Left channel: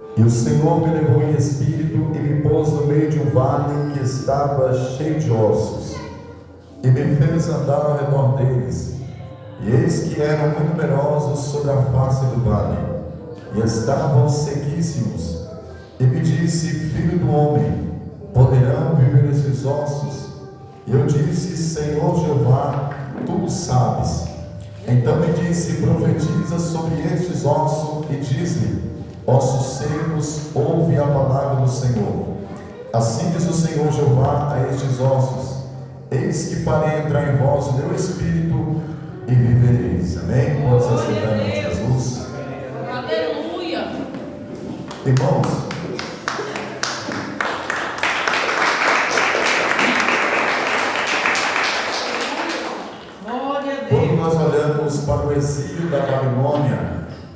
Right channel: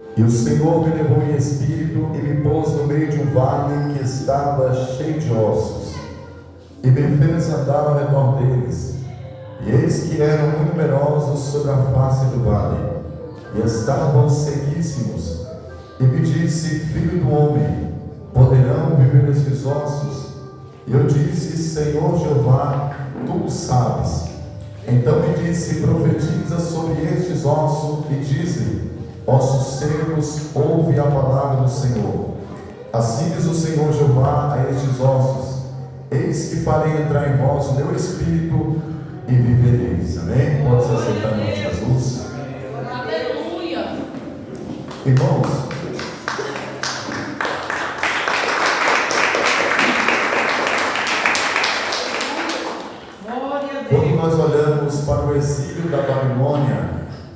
E o Senhor me levou em espírito e me pôs no meio de um vale que estava cheio de ossos, e me fez andar ao redor deles. E eis que eram muito numerosos sobre a face do vale, e estavam sequíssimos. E me disse: Filho do homem, poderão viver esses ossos? E eu disse: Senhor Jeová, tu o sabes. Então me disse: profetiza sobre estes ossos e diz-lhe: ossos secos, ouve a palavra do Senhor. Assim diz o Senhor Jeová a estes ossos: eis que farei entrar em vós o meu espírito e vivereis. Amém? Pode se sentar em nome de Jesus. Aleluia. Irmãos, quando nós olhamos para o exílio da Babilônia,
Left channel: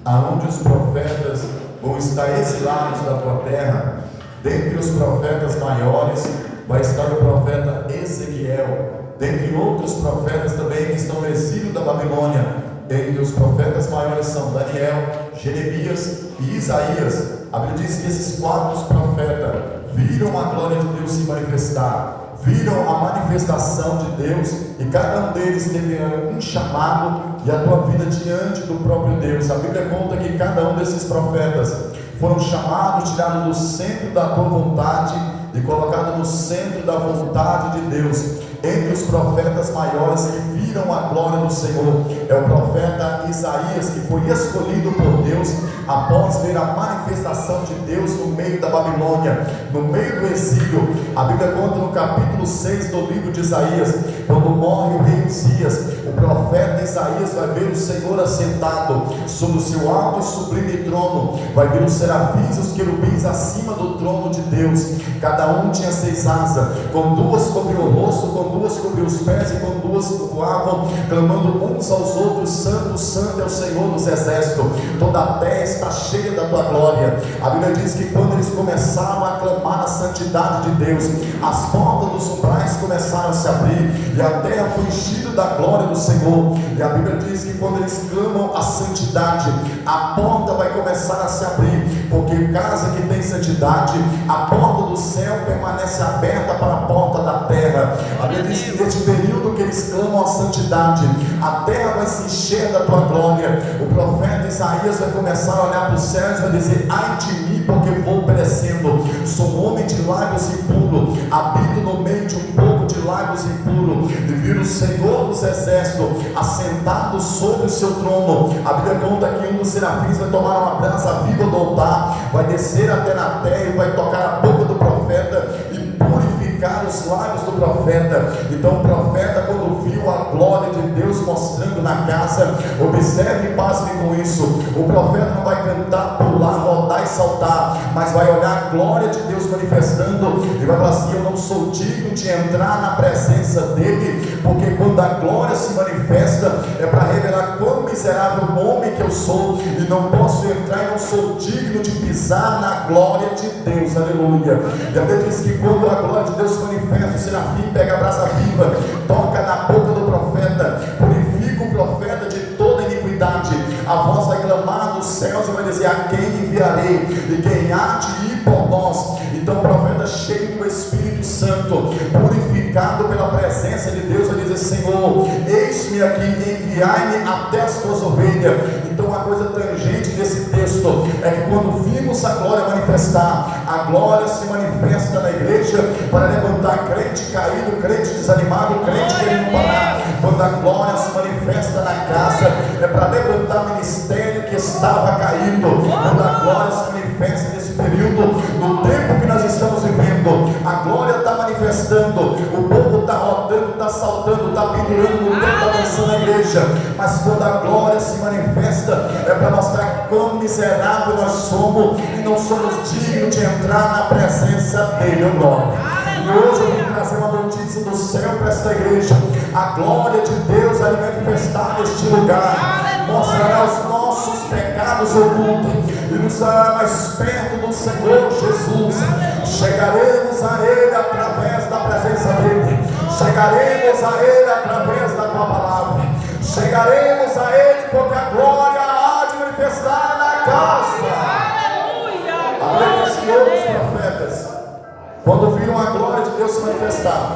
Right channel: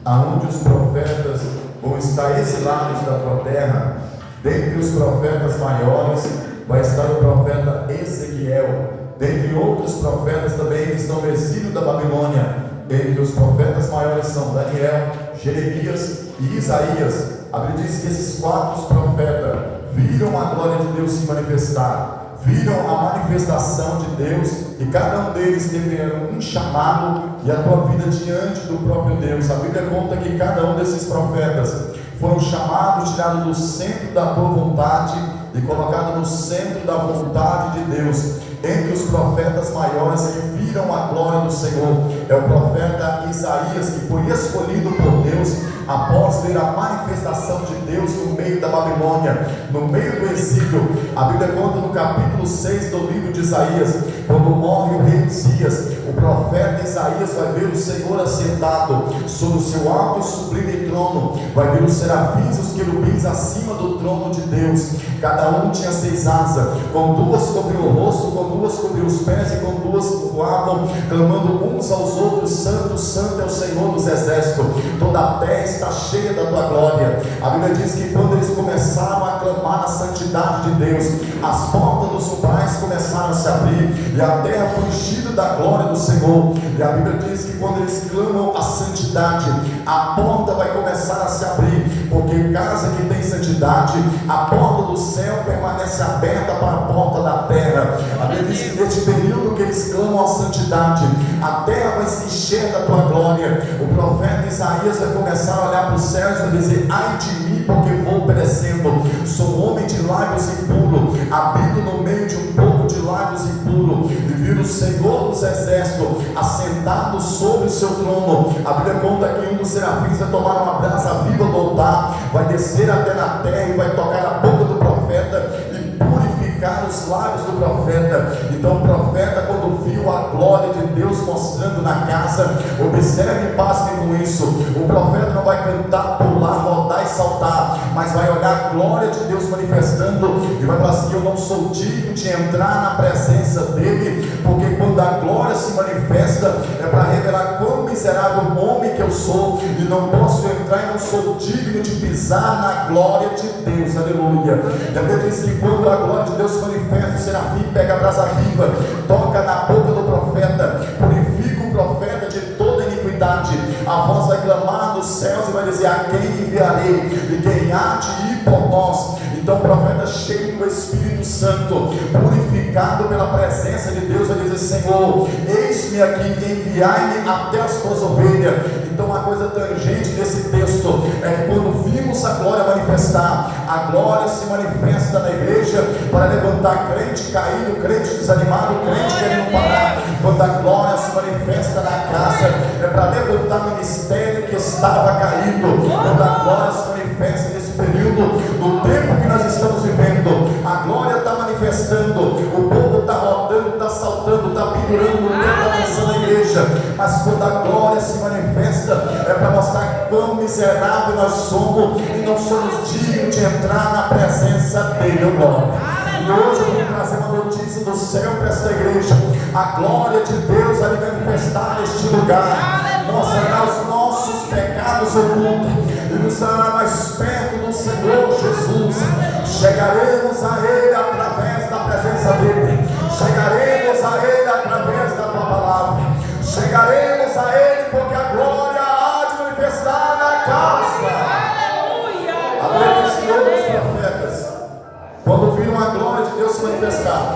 aonde os profetas vão estar exilados da tua terra, dentre os profetas maiores vai estar o profeta Ezequiel, dentre outros profetas também que estão no exílio da Babilônia. Entre os profetas maiores são Daniel, Jeremias e Isaías. A Bíblia diz que esses quatro profetas viram a glória de Deus se manifestar, viram a manifestação de Deus, e cada um deles teve um chamado e a tua vida diante do próprio Deus. A Bíblia conta que cada um desses profetas foram chamados, tirados do centro da tua vontade e colocados no centro da vontade de Deus. Entre os profetas maiores que viram a glória do Senhor é o profeta Isaías, que foi escolhido por Deus após ver a manifestação de Deus no meio da Babilônia, no meio do exílio. A Bíblia conta no capítulo 6 do livro de Isaías, quando morre o rei Uzias, o profeta Isaías vai ver o Senhor assentado sobre o seu alto e sublime trono, vai ver os serafins e os querubins acima do trono de Deus. Cada um tinha 6 asas, com 2 cobriu o rosto, com 2 cobriu os pés e com 2 voavam, clamando uns aos outros: Santo, Santo é o Senhor dos exércitos, toda a terra está cheia da tua glória. A Bíblia diz que quando eles começaram a clamar a santidade de Deus, as portas dos umbrais começaram a se abrir e a terra foi enchida da glória do Senhor. E a Bíblia diz que quando eles clamam a santidade, a porta vai começar a se abrir, porque casa que tem santidade, a porta do céu permanece aberta para a porta da terra. A Bíblia diz que neste período que eles clamam a santidade, a terra vai se encher da tua glória. O profeta Isaías vai começar a olhar para os céus e vai dizer: ai de mim, porque vou perecendo, sou homem de lábios impuros, habito no meio de um povo de lábios impuros, e vi o Senhor dos exércitos assentado sobre o seu trono. A Bíblia conta que um dos serafins vai tomar uma brasa viva do altar, vai descer até na terra e vai tocar a boca do profeta e purificar os lábios do profeta. Então o profeta, quando viu a glória de Deus mostrando na casa, observe e pasme com isso, o profeta não vai cantar, pular, rodar e saltar, mas vai olhar a glória de Deus manifestando e vai falar assim: eu não sou digno de entrar na presença dele, porque quando a glória se manifesta é para revelar quão miserável homem que eu sou, e não posso entrar e não sou digno de pisar na glória de Deus. Aleluia. E a Bíblia diz que quando a glória de Deus se manifesta, o serafim pega a brasa viva, toca na boca do profeta, purifica o profeta de toda iniquidade. A voz vai clamar dos céus e vai dizer: a quem enviarei? E quem há de ir por nós? Então o profeta, cheio do Espírito Santo, purificado pela presença de Deus, vai dizer: Senhor, eis-me aqui, enviai-me até as tuas ovelhas. Então a coisa tangente desse texto é que quando vimos a glória manifestar, a glória se manifesta na igreja para levantar crente caído, crente desanimado, crente querendo parar. Quando a glória se manifesta na casa, é para levantar o ministério que estava caído. Quando a glória se manifesta nesse período, no tempo que nós estamos vivendo, a glória está manifestando, o povo está rodando, está saltando, está pendurando no tempo da missão na igreja. Mas quando a glória se manifesta, é para mostrar quão miserável nós somos e não somos dignos de entrar na presença dele. Glória. E hoje eu vou trazer uma notícia do céu para esta igreja: a glória de Deus vai manifestar neste lugar, mostrará os nossos pecados ocultos e nos dará mais perto do Senhor Jesus. Chegaremos a Ele através da presença dele, chegaremos a Ele através da tua palavra, chegaremos a Ele porque a glória há de manifestar na casa. Aleluia. Quando viram a glória de Deus se manifestar,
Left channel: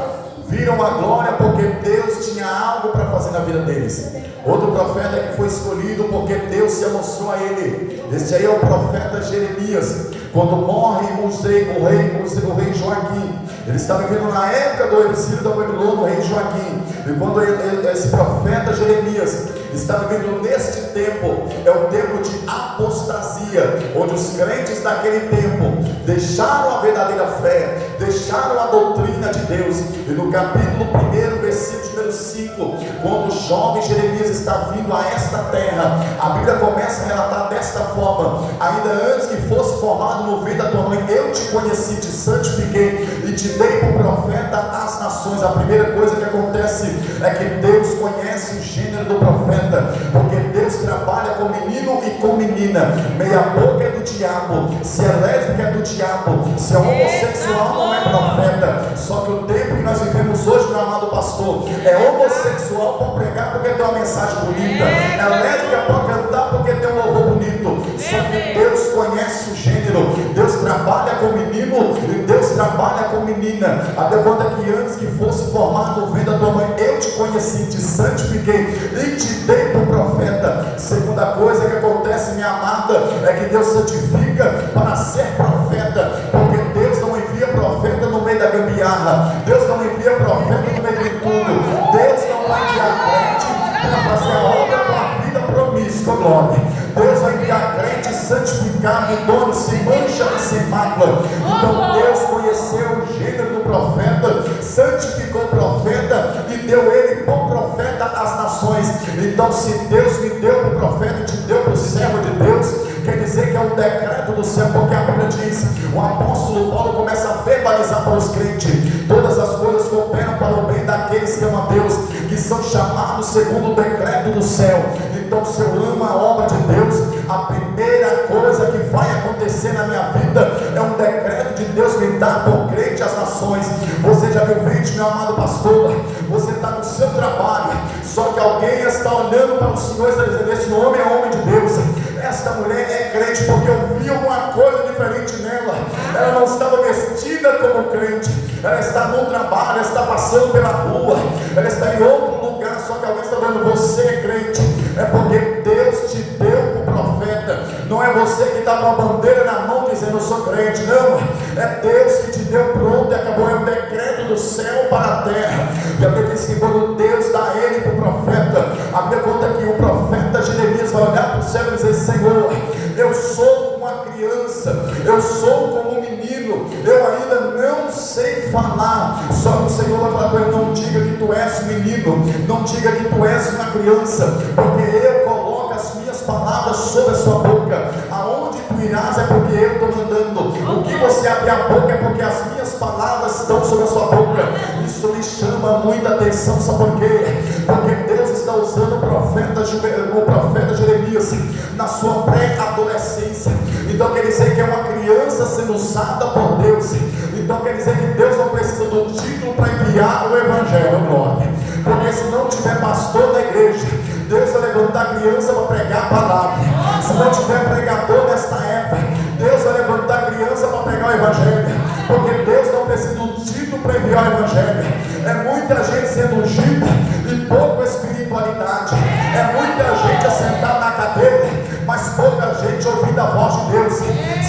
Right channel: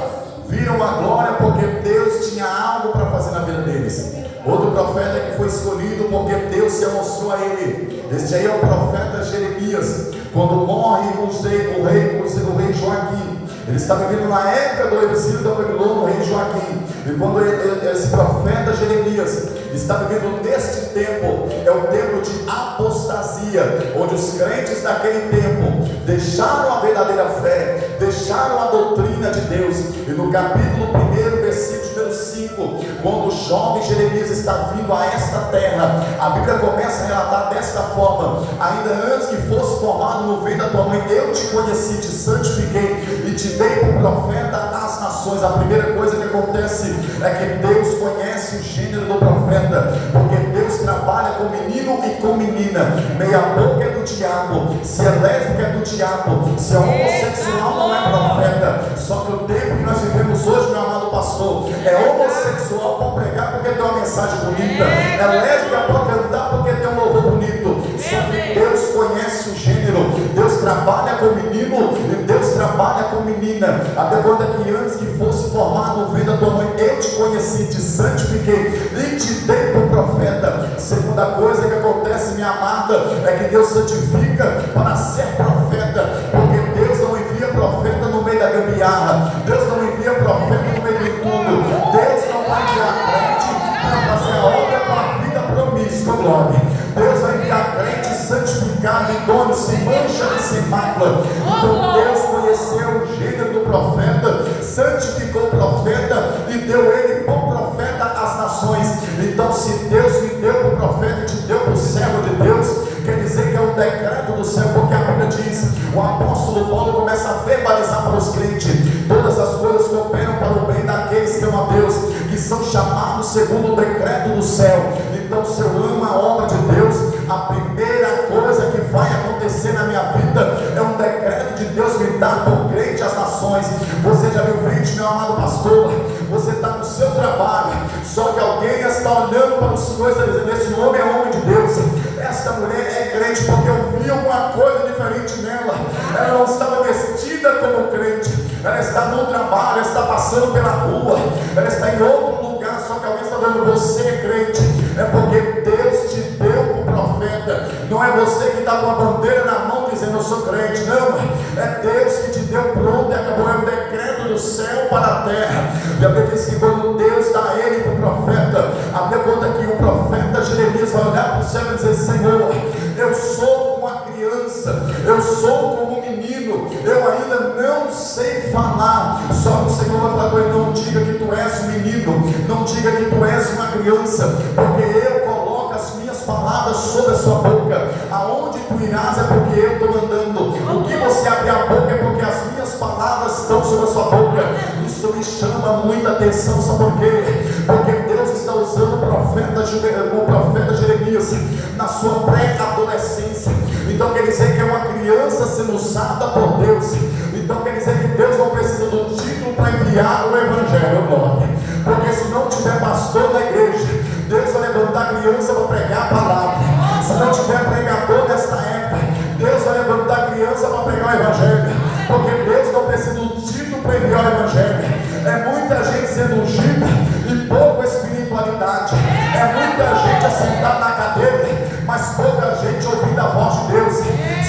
viram a glória porque Deus tinha algo para fazer na vida deles. Outro profeta que foi escolhido porque Deus se mostrou a ele. Este aí é o profeta Jeremias. Quando morre o rei Joaquim, ele está vivendo na época do exílio da Babilônia, o rei Joaquim. E quando esse profeta Jeremias está vivendo neste tempo, é o tempo de apostasia, onde os crentes daquele tempo deixaram a verdadeira fé, deixaram a doutrina de Deus. E no capítulo 1, versículo número 5, quando o jovem Jeremias está vindo a esta terra, a Bíblia começa a relatar desta forma: ainda antes que fosse formado no ventre da tua mãe, eu te conheci, te santifiquei e te dei por profeta às nações. A primeira coisa que acontece é que Deus conhece o gênero do profeta, porque Deus trabalha com menino e com menina. Meia boca é do diabo, se é lésbica é do diabo, se é homossexual não é profeta. Só que o tempo que nós vivemos hoje, meu amado pastor, é homossexual para pregar porque tem uma mensagem bonita, é lésbica para cantar porque tem um louvor bonito. Só que Deus conhece o gênero, Deus trabalha com menino e Deus trabalha com menina. Até conta que antes que fosse formado no ventre da tua mãe, eu te conheci, te santifiquei e te dei por profeta. Segunda coisa que acontece, minha amada, é que Deus santifica para ser profeta, porque Deus não envia profeta no meio da gambiarra, Deus não envia profeta no meio de tudo. Deus não vai enviar crente para fazer a obra com a vida promíscua, glória. Deus vai enviar crente santificado, idôneo, sem mancha e sem mácula. Então Deus conheceu o gênero do profeta, santificou o profeta e deu ele por profeta às nações. Então, se Deus me deu por profeta, te deu por servo de Deus, quer dizer que é um decreto do céu, porque a Bíblia diz, o apóstolo Paulo começa a verbalizar para os crentes: todas as coisas cooperam para o bem daqueles que amam a Deus, que são chamados segundo o decreto do céu. Então, se eu amo a obra de Deus, a primeira coisa que vai acontecer na minha vida é um decreto de Deus me dar por crente às nações. Você já viu crente, meu amado pastor? Você está no seu trabalho, só que alguém está olhando para o Senhor e está dizendo: esse homem é homem de Deus, esta mulher é crente, porque eu vi alguma coisa diferente nela. Ela não estava vestida como crente, ela está no trabalho, ela está passando pela rua, ela está em outro lugar, só que alguém está dizendo: você é crente. É porque Deus te deu como profeta. Não é você que está com a bandeira na mão dizendo: eu sou crente. Não, é Deus que te deu pronto e acabou. É um decreto do céu para a terra. E a Bíblia diz que quando Deus dá ele para o profeta, a Bíblia conta que o profeta Jeremias vai olhar para o céu e dizer: Senhor, eu sou como uma criança, eu sou como um menino, eu ainda não sei falar. Só que o Senhor vai falar com ele: não diga que tu és um menino, não diga que tu és uma criança, porque eu coloco as minhas palavras sobre a sua boca. Aonde tu irás é porque eu estou mandando. O que você abrir a boca é porque as minhas palavras estão sobre a sua boca. Isso me chama muita atenção, sabe por quê? Porque Deus está usando o profeta Jeremias na sua pré-adolescência. Então quer dizer que é uma criança sendo usada por Deus. Então quer dizer que Deus não precisa do título para enviar o evangelho, glória. Porque se não tiver pastor da igreja, Deus vai levantar criança para pregar a palavra. Se não tiver pregador nesta época, Deus vai levantar criança para pregar o evangelho. Porque Deus não precisa do título para enviar o evangelho. É muita gente sendo ungida e pouca espiritualidade. É muita gente assentada na cadeira, mas pouca gente ouvindo a voz de Deus.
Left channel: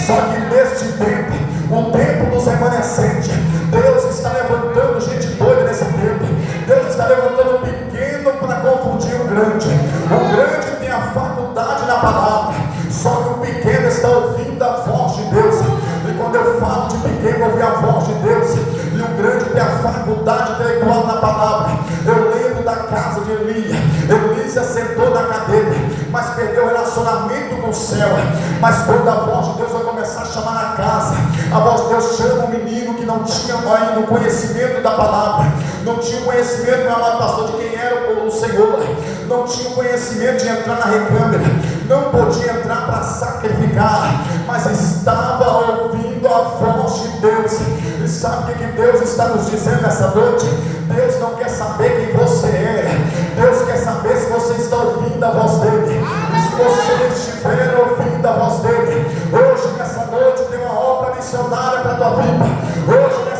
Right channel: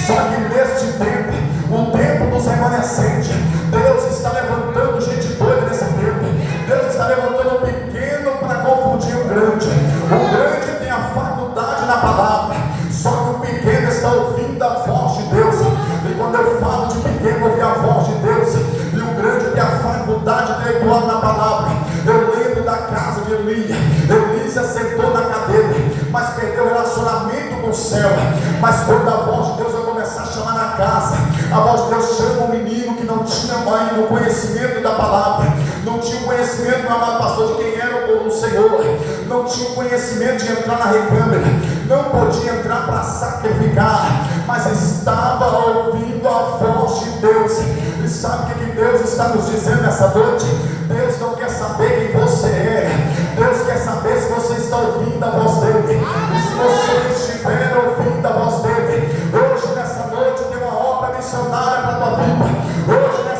Só que neste tempo, o tempo dos remanescentes, Deus está levantando gente doida nesse tempo. Deus está levantando o pequeno para confundir o grande. O grande tem a faculdade na palavra, só que o pequeno está ouvindo a voz de Deus. E quando eu falo de pequeno ouvir a voz de Deus, e o grande tem a faculdade intelectual na palavra. Eu lembro da casa de Eli. Eli se assentou na cadeira, mas perdeu o relacionamento com o céu. Mas quando a voz de Deus vai começar a chamar na casa, a voz de Deus chama um menino que não tinha ainda o conhecimento da palavra, não tinha o conhecimento, meu amado pastor, de quem era o Senhor, não tinha o conhecimento de entrar na recâmara, não podia entrar para sacrificar, mas estava ouvindo a voz de Deus. E sabe o que Deus está nos dizendo nessa noite? Deus não quer saber quem você é, Deus quer saber se você está ouvindo a voz dele. E se você estiver ouvindo a voz dele, hoje nessa noite tem uma obra missionária para a tua vida. Hoje nessa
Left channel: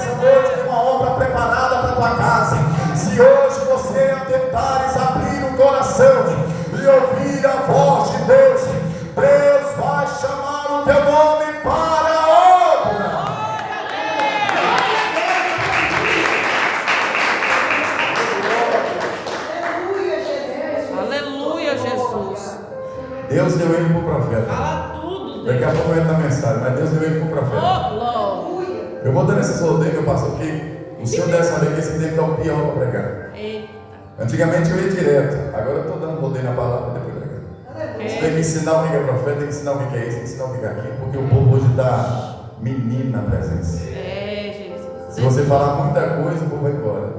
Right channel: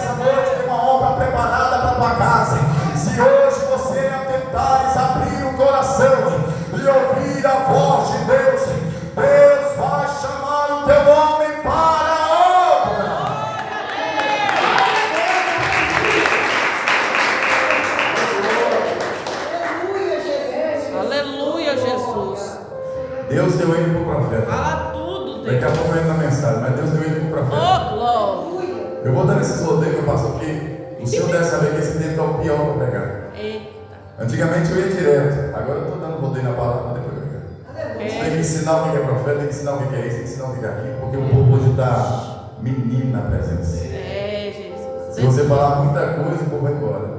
Deus deu ele para o profeta. Fala tudo, Daqui a Deus. pouco entra a mensagem, mas Deus deu ele para o profeta. Oh, glória. Eu vou dando esses rodeios, pastor, que o senhor deve saber que esse tempo é o pior para pregar. Eita. Antigamente eu ia direto, agora eu estou dando rodeio na palavra depois de pregar. Você tem que ensinar o que é profeta, tem que ensinar o que é isso, tem que ensinar o que é aquilo, porque o povo hoje está menino na presença. Jesus. Se você falar muita coisa, o povo vai embora.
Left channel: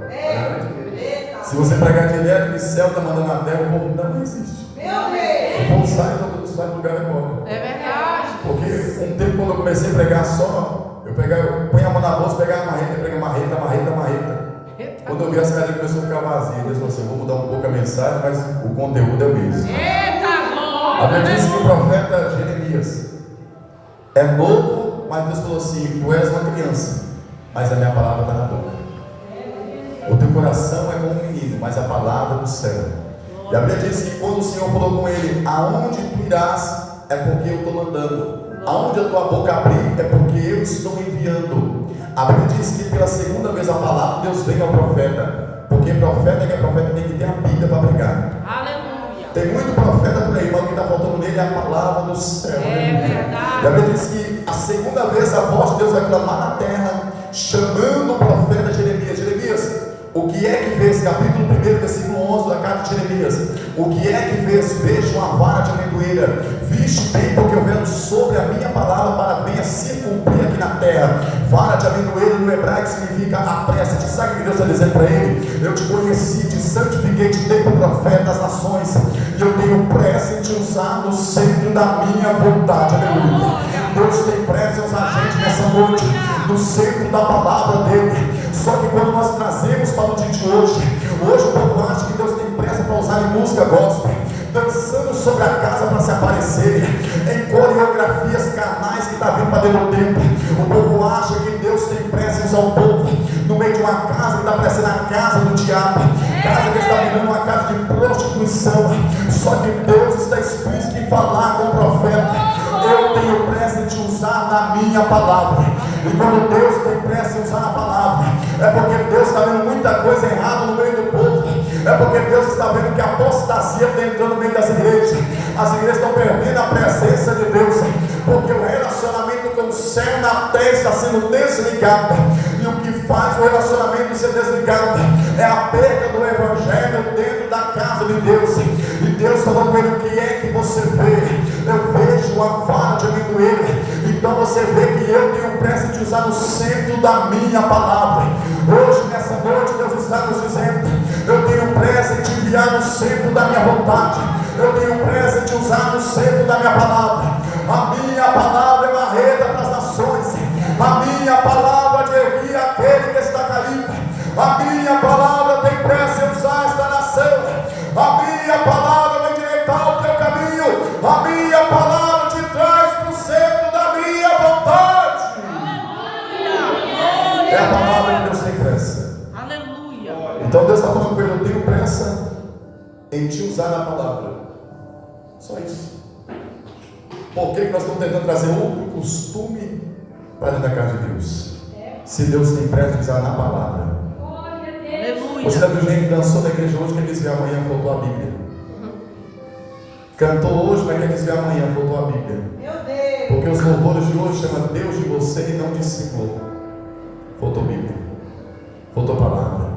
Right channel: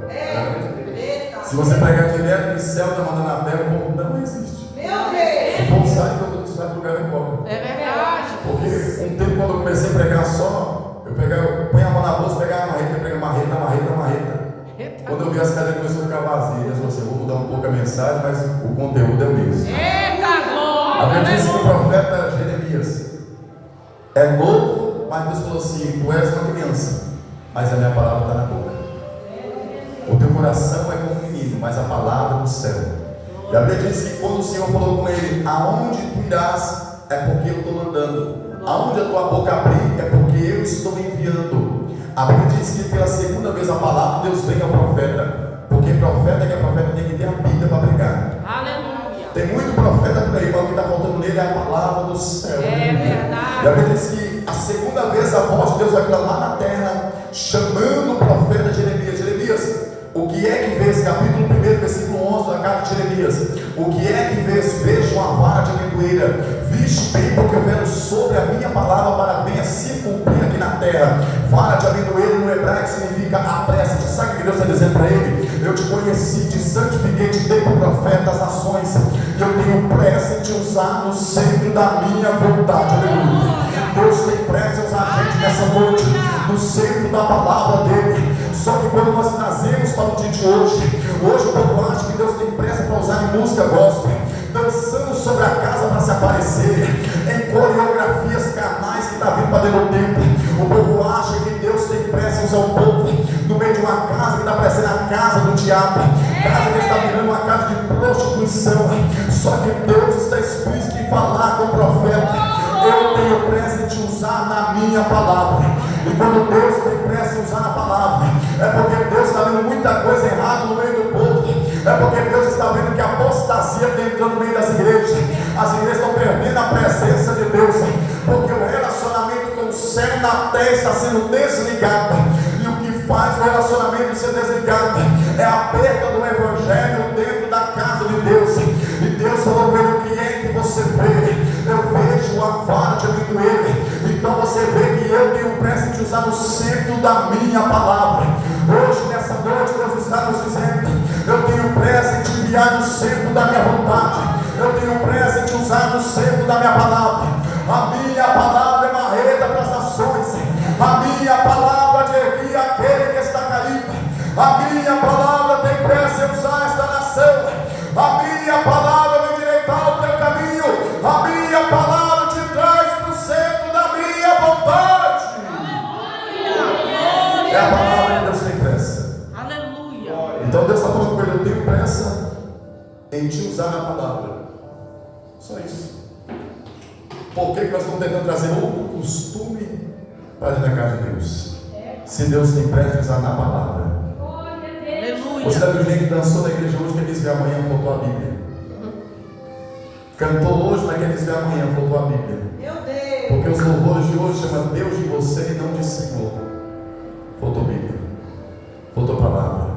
Se você pregar direto do céu, está mandando na terra, o povo não existe. O povo sai do lugar e embora. É verdade. Porque um tempo quando eu comecei a pregar só, eu punha a mão na bolsa, pegava a marreta, pegava a marreta. Quando eu vi as cadeiras começou a ficar vazias, eu falei assim, eu vou mudar um pouco a mensagem, mas o conteúdo é o mesmo. Eita, A glória. Bíblia diz que o profeta Jeremias é novo, mas Deus falou assim, tu és uma criança, mas a minha palavra está na boca. O teu coração é como um menino, mas a palavra do céu. E a Bíblia diz que quando o Senhor falou com ele, aonde tu irás, é porque eu estou mandando. Aonde a tua boca abrir, é porque eu estou enviando. A Bíblia diz que pela segunda vez a palavra, Deus vem ao profeta. Porque profeta que é profeta tem que ter a Bíblia para pregar. Aleluia. Tem muito profeta por aí, mas o que está faltando nele é a palavra do céu. É verdade. E a Bíblia diz que a segunda vez a voz de Deus vai clamar na terra, chamando o profeta Jeremias. Jeremias, o que é que vês? Capítulo 1, versículo 11 da carta de Jeremias. O que é que vês? Vejo uma vara de amendoeira. Visto bem, porque eu venho sobre a minha palavra para venha se cumprir aqui na terra. Vara de amendoeira no hebraico significa apressa-te. Sabe o que Deus está dizendo para ele? Eu te conheci, te santifiquei, te dei como profeta das nações. E eu tenho pressa em te usar no centro da minha vontade. Aleluia. Deus tem pressa em usar a gente nessa noite, no centro da palavra dele. Só que quando nós trazemos para o dia de hoje o povo acha que Deus tem pressa para usar em música gospel, dançando sobre a casa para se aparecer, em coreografias carnais que está vindo para dentro do templo. O povo acha que Deus tem pressa em usar o povo no meio de uma casa que está parecendo a casa do diabo, casa que está virando uma casa de prostituição. Só que Deus está explícito em falar com o profeta: eu tenho pressa em te usar na minha palavra. E quando Deus tem pressa em usar a palavra, é porque Deus está vendo muita coisa errada no meio do povo. É porque Deus está vendo que a apostasia está entrando no meio das igrejas. As igrejas estão perdendo a presença de Deus, porque o relacionamento com o céu na terra está sendo desligado. E o que faz o relacionamento ser desligado é a perda do evangelho dentro da casa de Deus. E Deus falou com ele: o que é que você vê? Eu vejo uma vara de amendoeira. Então você vê que eu tenho pressa em te usar no centro da minha palavra. Hoje, nessa noite, Deus está nos dizendo: eu tenho pressa em te enviar no centro da minha vontade. Eu tenho pressa em te usar no centro da minha palavra. A minha palavra é marreta para as nações. A minha palavra de erguer aquele que está caído. A minha palavra tem pressa em usar esta nação. A minha palavra vai endireitar o teu caminho. A minha palavra te traz para o centro da minha vontade. Aleluia. É a palavra que Deus tem pressa. Aleluia. Então Deus está falando com ele: eu tenho pressa em te usar na palavra. Só isso. Por que nós estamos tentando trazer outro costume para dentro da casa de Deus? Se Deus tem pressa em usar na palavra. Aleluia. Você deve ver que dançou na igreja hoje, quer dizer amanhã faltou a Bíblia. Cantou hoje, mas quer dizer amanhã faltou a Bíblia. Porque os louvores de hoje chamam Deus de você e não de discípulo. Faltou Bíblia. Faltou palavra.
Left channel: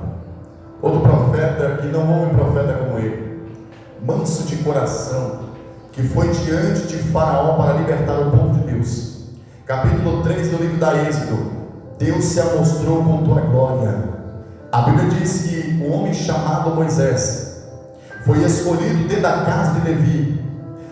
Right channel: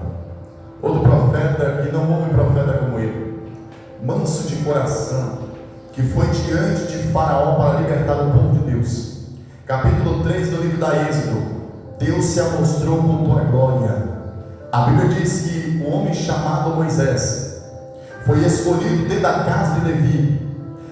Outro profeta que não houve profeta como ele, manso de coração, que foi diante de Faraó para libertar o povo de Deus. Capítulo 3 do livro da Êxodo. Deus se mostrou com tua glória. A Bíblia diz que o homem chamado Moisés foi escolhido dentro da casa de Levi.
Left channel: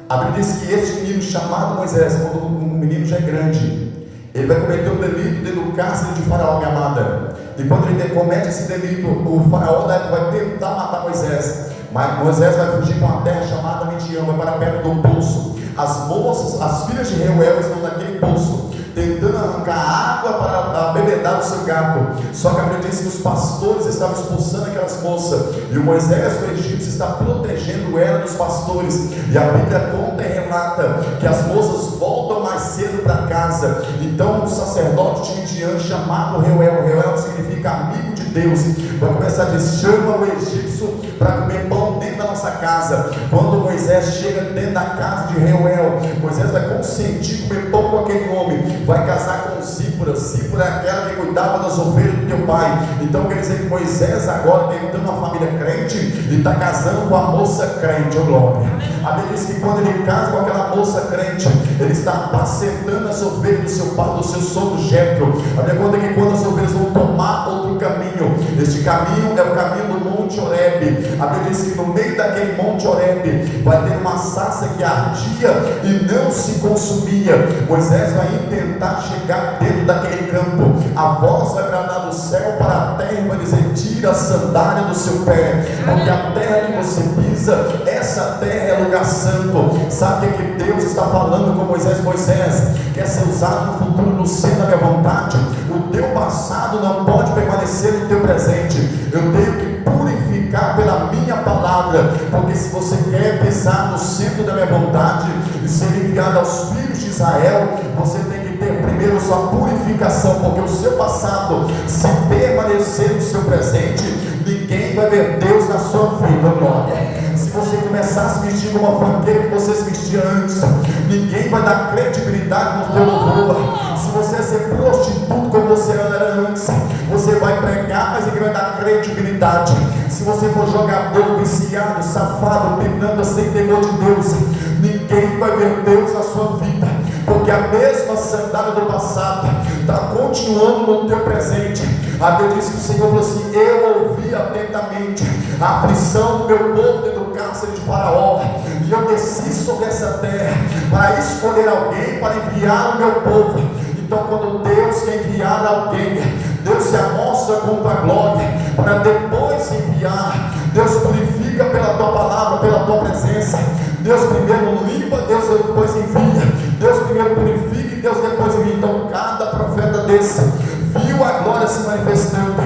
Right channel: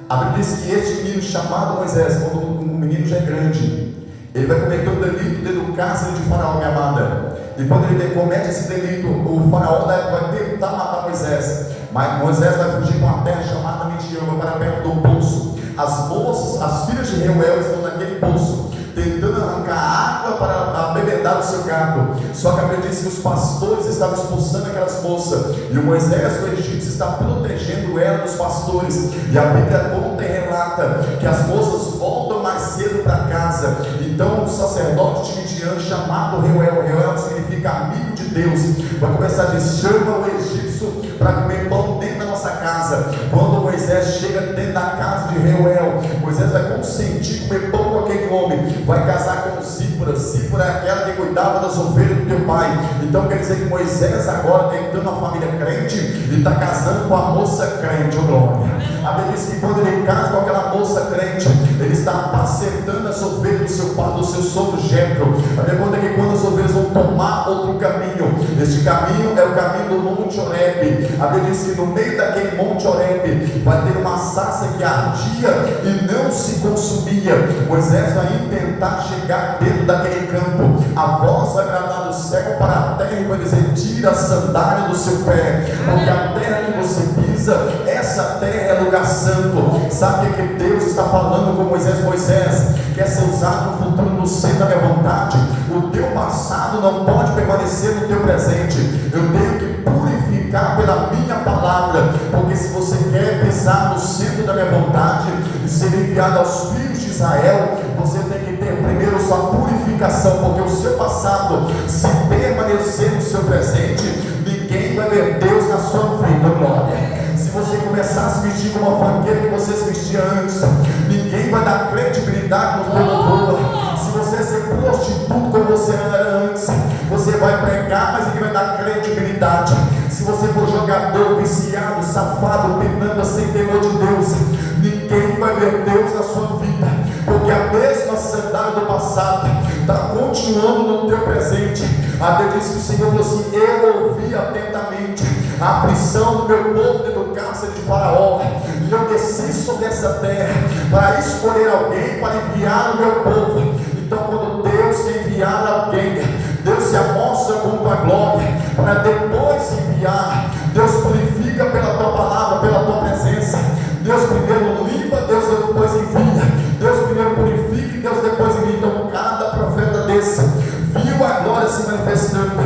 A Bíblia diz que este menino chamado Moisés, quando o menino já é grande, ele vai cometer um delito dentro do cárcere de Faraó, minha amada. E quando ele comete esse delito, o Faraó vai tentar matar Moisés. Mas Moisés vai fugir para uma terra chamada Midian, vai para perto do poço. As moças, as filhas de Reuel estão naquele poço, tentando arrancar água para bebedar o seu gado. Só que a Bíblia diz que os pastores estavam expulsando aquelas moças, e o Moisés, o egípcio, está protegendo ela dos pastores. E a Bíblia conta e relata que as moças voltam mais cedo para casa. Então o sacerdote de Midian, chamado Reuel, Reuel significa amigo de Deus, vai começar a dizer: chama o egípcio para comer pão dentro da nossa casa. Quando Moisés chega dentro da casa de Reuel, Moisés vai consentir comer pão com aquele homem, vai casar com Zípora. Zípora é aquela que cuidava das ovelhas do teu pai. Então quer dizer que Moisés agora tem uma família crente e está casando com a moça crente, ô glória. A Bíblia diz que quando ele casa com aquela moça crente, ele está apacentando as ovelhas do seu pai, do seu sogro Jetro. A Bíblia conta que quando as ovelhas vão tomar outro caminho, este caminho é o caminho do Monte Horebe. A Bíblia diz que no meio daquele Monte Horebe vai ter uma sarça que ardia e não se consumia. Moisés vai tentar chegar dentro daquele campo. A voz vai bradar do céu para a terra e vai dizer: tira a sandália do seu pé, porque a terra que você pisa, essa terra é lugar santo. Sabe o que Deus está falando com Moisés? Moisés, quer ser usado no futuro no centro da minha vontade. O teu passado não pode permanecer no teu presente. Eu tenho que purificar pela minha palavra, porque se você quer pisar no centro da minha vontade e ser enviado aos filhos de Israel, você tem que ter primeiro sua purificação, porque o seu passado, se permanecer no seu presente, ninguém vai ver Deus na sua vida, glória. Se você começar a se vestir como uma fanqueira que você se vestia antes, ninguém vai dar credibilidade no teu louvor. Se você ser prostituto como você era antes, você vai pregar, mas ninguém vai dar credibilidade. Se você for jogador, viciado, safado, pinanda, sem temor de Deus, ninguém vai ver Deus na sua vida, porque a mesma sandália do passado está continuando no teu presente. A Bíblia diz que o Senhor falou assim: eu ouvi atentamente a aflição do meu povo dentro do cárcere de Faraó, e eu desci sobre essa terra para escolher alguém para enviar o meu povo. Então, quando Deus quer enviar alguém, Deus se amostra com tua glória, para depois enviar. Deus purifica pela tua palavra, pela tua presença. Deus primeiro limpa, Deus depois envia. Deus primeiro purifica e Deus depois envia. Então, cada profeta desse viu a glória se manifestando,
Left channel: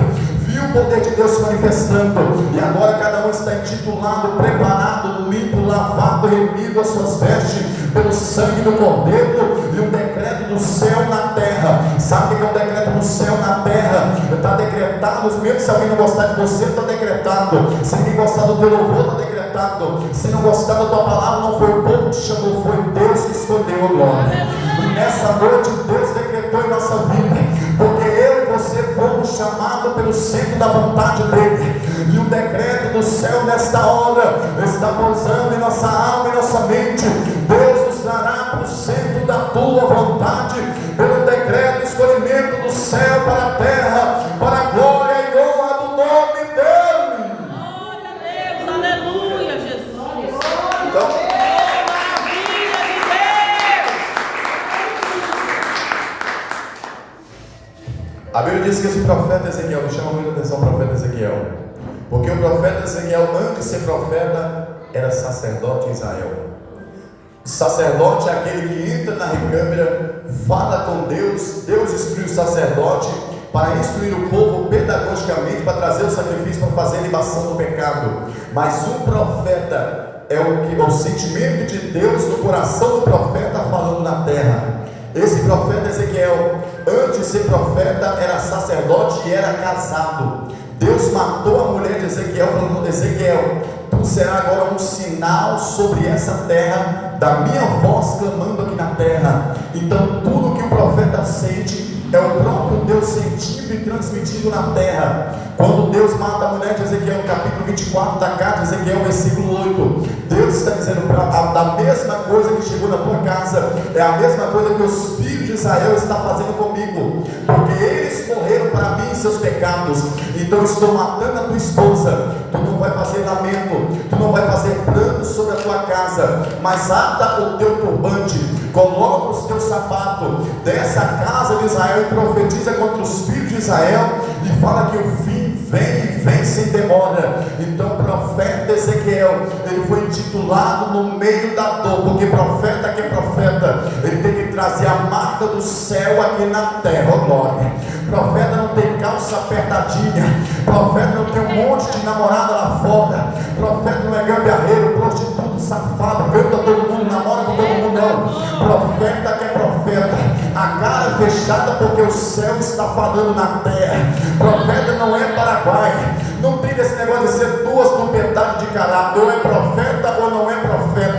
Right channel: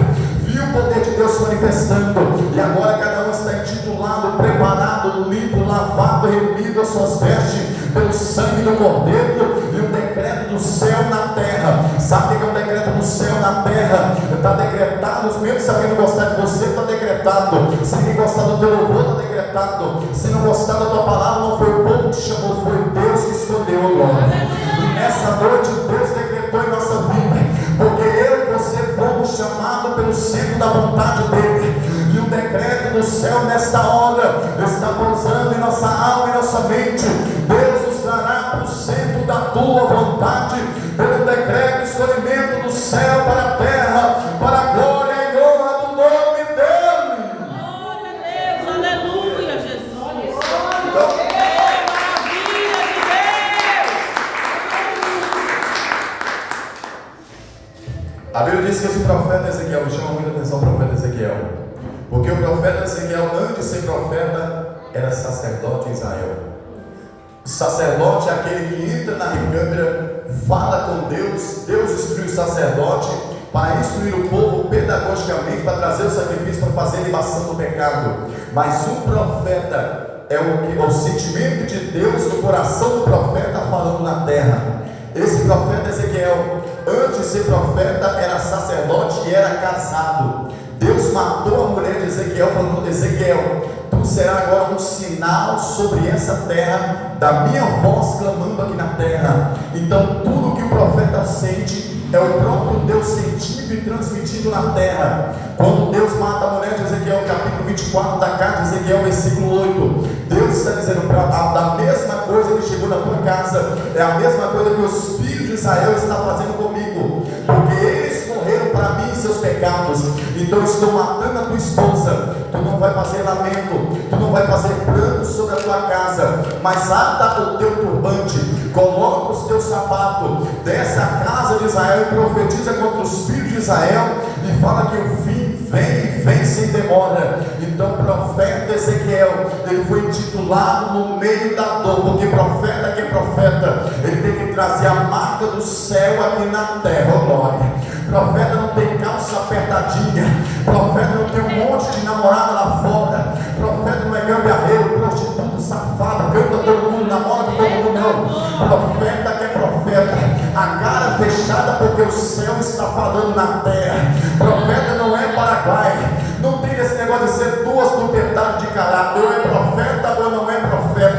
viu o poder de Deus se manifestando, e agora cada um está intitulado, preparado, limpo, lavado, remido as suas vestes pelo sangue do Cordeiro, e um decreto do céu na terra. Sabe o que é um decreto do céu na terra? Está decretado, mesmo se alguém não gostar de você, está decretado. Se alguém gostar do teu louvor, está decretado. Se não gostar da tua palavra, não foi o povo que te chamou, foi Deus que escolheu, glória. E nessa noite Deus decretou em nossa vida, porque eu e você fomos chamados pelo centro da vontade dele, e o decreto do céu nesta hora está pousando em nossa alma e nossa mente. Deus nos trará para o centro da tua vontade, pelo decreto e escolhimento do céu para a terra, para a glória e honra do nome dele. Glória a Deus, aleluia, Jesus. Então, Maravilha de Deus. a Bíblia diz que esse profeta Ezequiel, chama muita atenção o profeta Ezequiel, porque o profeta Ezequiel, antes de ser profeta, era sacerdote em Israel. O sacerdote é aquele que entra na recâmara, fala com Deus. Deus instrui o sacerdote para instruir o povo pedagogicamente, para trazer o sacrifício, para fazer a libação do pecado. Mas o profeta é o sentimento de Deus no coração do profeta falando na terra. Esse profeta Ezequiel, antes de ser profeta, era sacerdote e era casado. Deus matou a mulher de Ezequiel, falando: Ezequiel, tu será agora um sinal sobre essa terra, da minha voz clamando aqui na terra. Então tudo que o profeta sente é o próprio Deus sentindo e transmitindo na terra. Quando Deus mata a mulher de Ezequiel, capítulo 24 da carta de Ezequiel, versículo 8, Deus está dizendo a mesma coisa que chegou na tua casa, é a mesma coisa que os filhos de Israel estão fazendo comigo, porque eles morreram para mim em seus pecados. Então eu estou matando a tua esposa. Tu não vai fazer lamento, tu não vai fazer pranto sobre a tua casa, mas ata o teu turbante, coloca os teus sapatos dessa casa de Israel e profetiza contra os filhos de Israel e fala que o fim vem sem demora. Então o profeta Ezequiel, ele foi intitulado no meio da dor, porque profeta que é profeta, ele tem que trazer a marca do céu aqui na terra, ó glória. Profeta não tem calça apertadinha, profeta não tem um monte de namorada lá fora, profeta não é gambiarreiro, prostituto, safado, canta todo mundo, namora com todo mundo, não. Profeta que é profeta, a cara fechada porque o céu está falando na terra. Profeta não é Paraguai, não tem esse negócio de ser duas propriedades de caráter, ou é profeta ou não é profeta.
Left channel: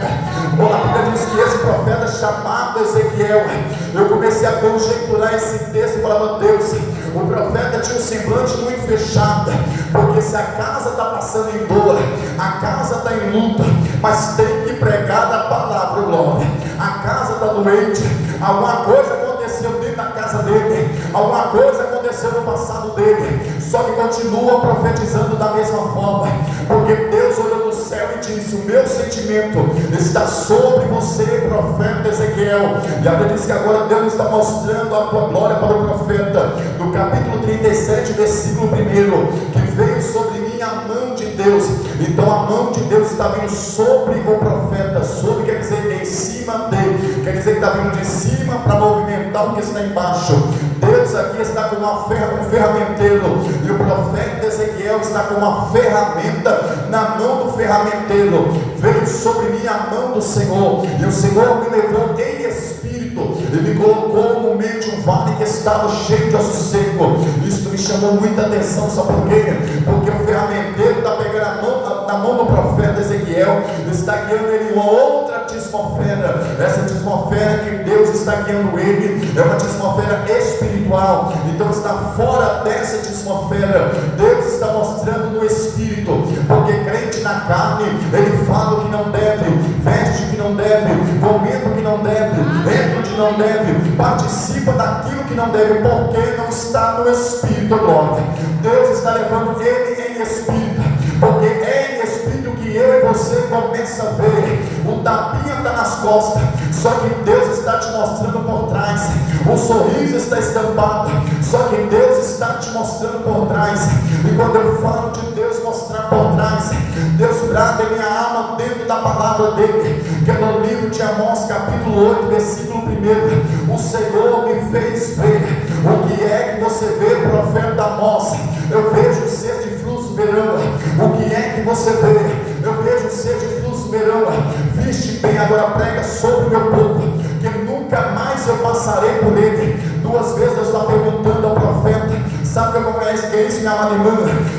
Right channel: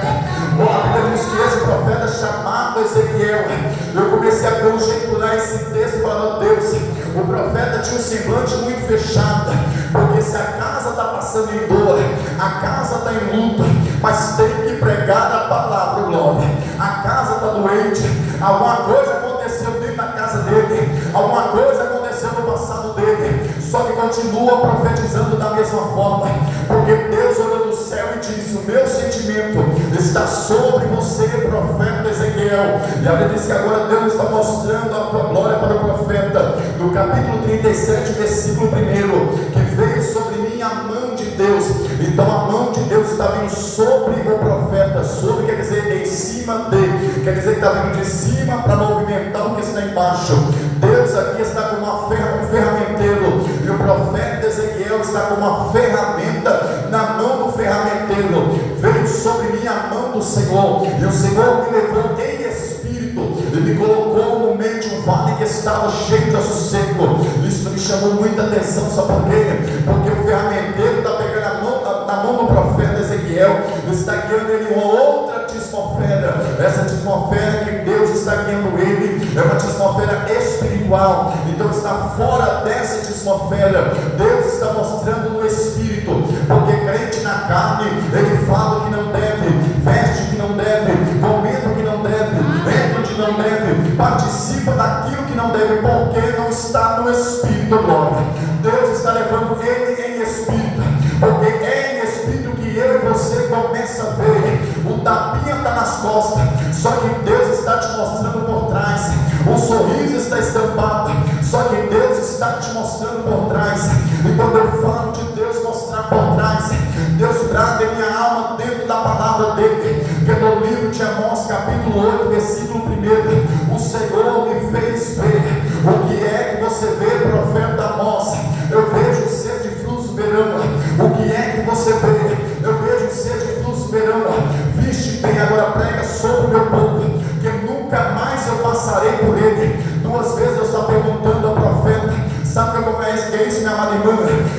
comecei a conjecturar esse texto e falava: Deus, o profeta tinha um semblante muito fechado, porque se a casa está passando em dor, a casa está em luta, mas tem que pregar a palavra, glória. A casa está doente, alguma coisa aconteceu dentro da casa dele, alguma coisa aconteceu no passado dele, só que continua profetizando da mesma forma, porque Deus olhou do céu e disse: o meu sentimento está sobre você, profeta Ezequiel. E a Bíblia diz que agora Deus está mostrando a tua glória para o profeta, no capítulo 37, versículo 1, que veio sobre mim a mão de Deus. Então a mão de Deus está vindo sobre o profeta, sobre quer dizer em cima dele, quer dizer que está vindo de cima para movimentar o que está embaixo. Deus aqui está com um ferramenteiro, e o profeta Ezequiel está com uma ferramenta na mão do ferramenteiro. Veio sobre mim a mão do Senhor, e o Senhor me levou em espírito, e me colocou no meio de um vale que estava cheio de osso seco. Isso me chamou muita atenção, sabe por quê? Porque o ferramenteiro está pegando na mão do profeta Ezequiel, está guiando ele em uma outra atmosfera. Essa atmosfera que Deus está guiando ele é uma atmosfera espiritual. Então está fora dessa atmosfera. Deus está mostrando no espírito, porque crente na carne, ele fala o que não deve, veste o que não deve, comenta o que não deve, entra o que não deve, participa daquilo que não deve, porque não está no espírito, glória. Deus está levando ele em espírito, porque é em espírito que eu e você começa a ver. O tapinha está nas costas, só que Deus está te mostrando por trás. O sorriso está estampado, só que Deus está te mostrando por trás. E quando eu falo de Deus mostrar por trás, Deus trata em minha alma dentro da palavra dele, que é no livro de Amós, capítulo 8, versículo 1. O Senhor me fez ver. O que é que você vê, profeta Amós? Eu vejo ser de fluxo verão. O que é que você vê? Eu vejo ser de fluxo verão. Viste bem, agora prega sobre o meu povo, que nunca mais eu passarei por ele. 2 vezes eu estou perguntando ao profeta: sabe como é isso, minha amada irmã?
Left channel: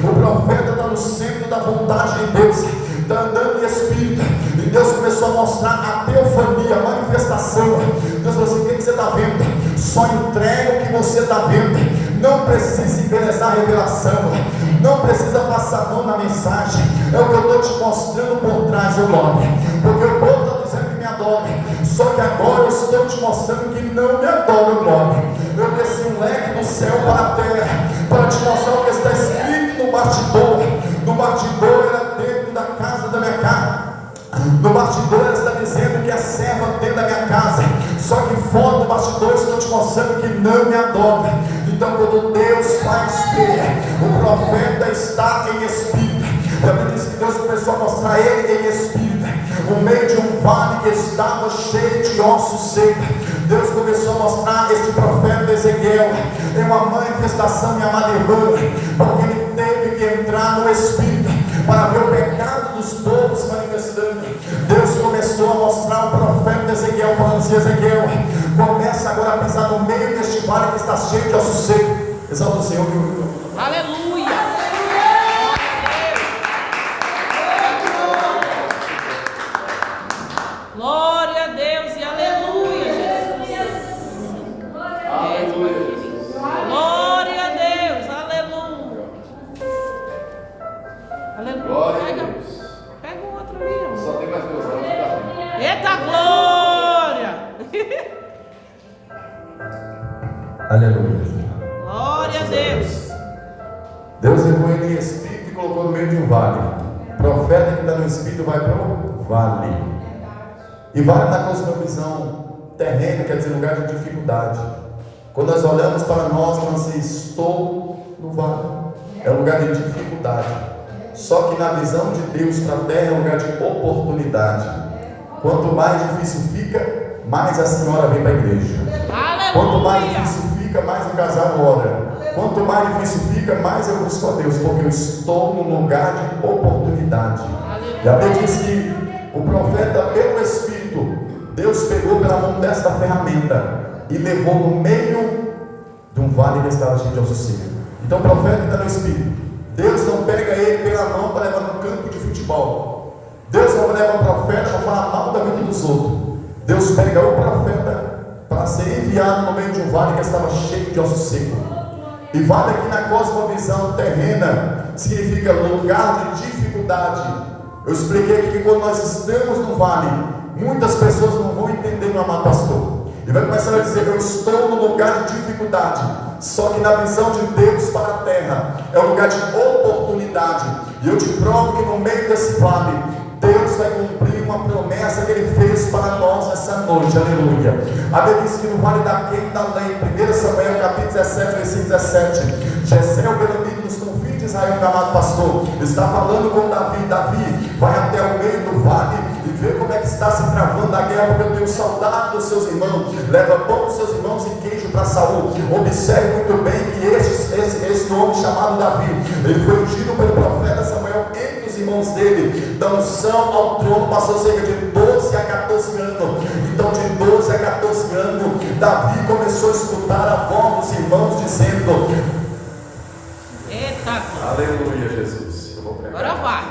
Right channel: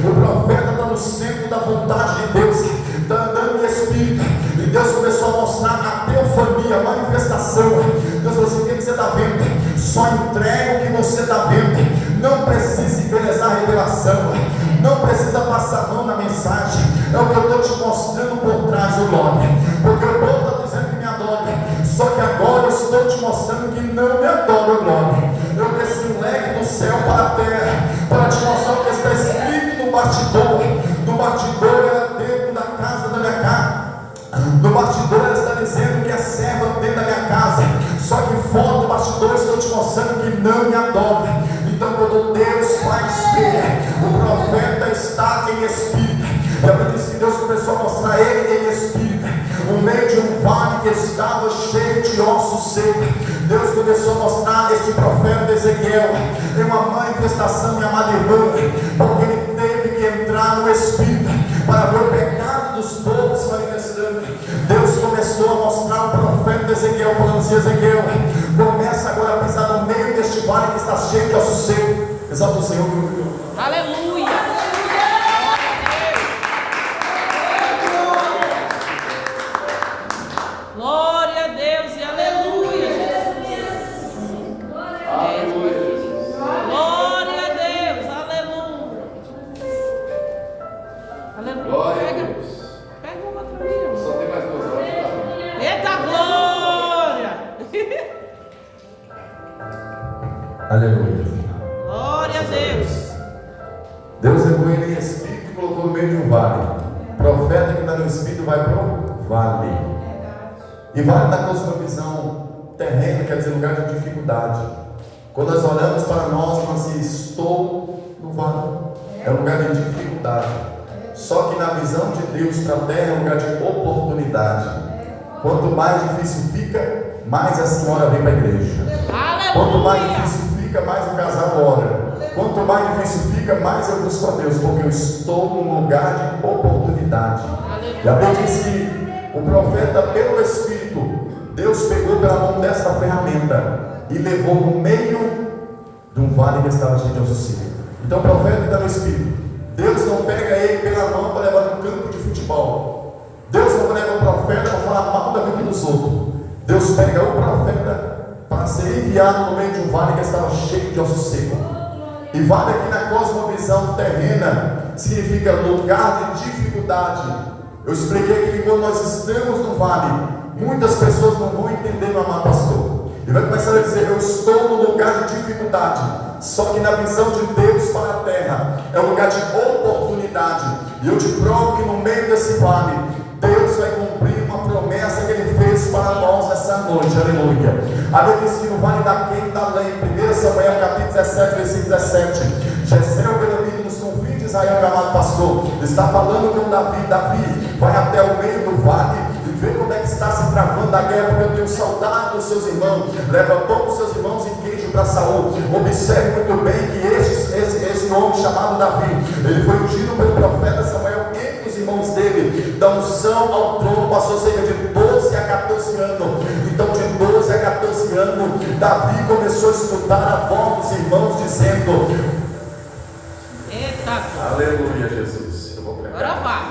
O profeta está no centro da vontade de Deus, está andando em espírito, e Deus começou a mostrar a teofania, a manifestação. Deus falou assim: o que você está vendo? Só entrega o que você está vendo. Não precisa embelezar a revelação, não precisa passar a mão na mensagem. É o que eu estou te mostrando por trás do nome, porque o povo está dizendo que me adora, só que agora eu estou te mostrando que não me adora, glória. Eu desci um leque do céu para a terra, para te mostrar o que está escrito no bastidor. No bastidor era dentro da casa da minha casa. No bastidor ela está dizendo que é serva dentro da minha casa, só que fora do bastidor estou te mostrando que não me adora. Então quando Deus faz ver, o profeta está em espírito. A Bíblia diz que Deus começou a mostrar ele em espírito, no meio de um vale que estava cheio de ossos secos. Deus começou a mostrar esse profeta Ezequiel em uma manifestação, minha amada irmã, porque ele teve que entrar no espírito para ver o pecado dos povos se manifestando. Deus começou a mostrar o profeta Ezequiel, falando assim: Ezequiel, começa agora a pisar no meio deste vale que está cheio de ossos secos. Exalta o Senhor. Aleluia. Glória a Deus e aleluia, Jesus. Glória a Deus, aleluia. Aleluia. Pega o outro ali. Só tem mais 2 horas. Eita glória. Aleluia. Glória a Deus. Deus levou ele em espírito e colocou no meio de um vale. O profeta que está no espírito vai para o vale. E vale na cosmovisão terrena, quer dizer, lugar de dificuldade. Quando nós olhamos para nós, nós assim: estou no vale. É um lugar de dificuldade. Só que na visão de Deus, para a terra é um lugar de oportunidade. Quanto mais difícil fica, mais a senhora vem para a igreja. Aleluia. Quanto mais difícil fica, mais o casal ora. Quanto mais difícil fica, mais eu busco a Deus, porque eu estou num lugar de oportunidade. Aleluia. E a Bíblia diz que o profeta, pelo Espírito, Deus pegou pela mão desta ferramenta e levou no meio de um vale que estava cheio de ossos secos. Então o profeta está no Espírito. Deus não pega ele pela mão para levar no campo de futebol. Deus não leva o profeta para falar mal da vida dos outros. Deus pega o profeta para para ser enviado no meio de um vale que estava cheio de osso seco. E vale aqui na cosmovisão terrena significa lugar de dificuldade. Eu expliquei que quando nós estamos no vale, muitas pessoas não vão entender, meu amado pastor. E vai começar a dizer: eu estou no lugar de dificuldade. Só que na visão de Deus para a terra é um lugar de oportunidade. E eu te provo que no meio desse vale, Deus vai cumprir uma promessa que Ele fez para nós essa noite. Aleluia. A Bíblia diz que no vale da quinta lei, 1 Samuel capítulo 17, versículo 17, Jessé, o Belamita, nos confins de Israel, meu amado pastor, está falando com Davi. Davi vai até o meio do vale e vê como é que está se travando a guerra, porque eu tenho saudade dos seus irmãos. Leva pão dos seus irmãos e queijo para Saul. Observe muito bem que esse homem chamado Davi, ele foi ungido pelo profeta Samuel entre os irmãos dele. Da unção ao trono passou cerca de 12 a 14 anos. Então de 12 a 14 anos, Davi começou a escutar a voz dos irmãos dizendo: Eita, aleluia, Jesus. Eu vou pregar. agora vai.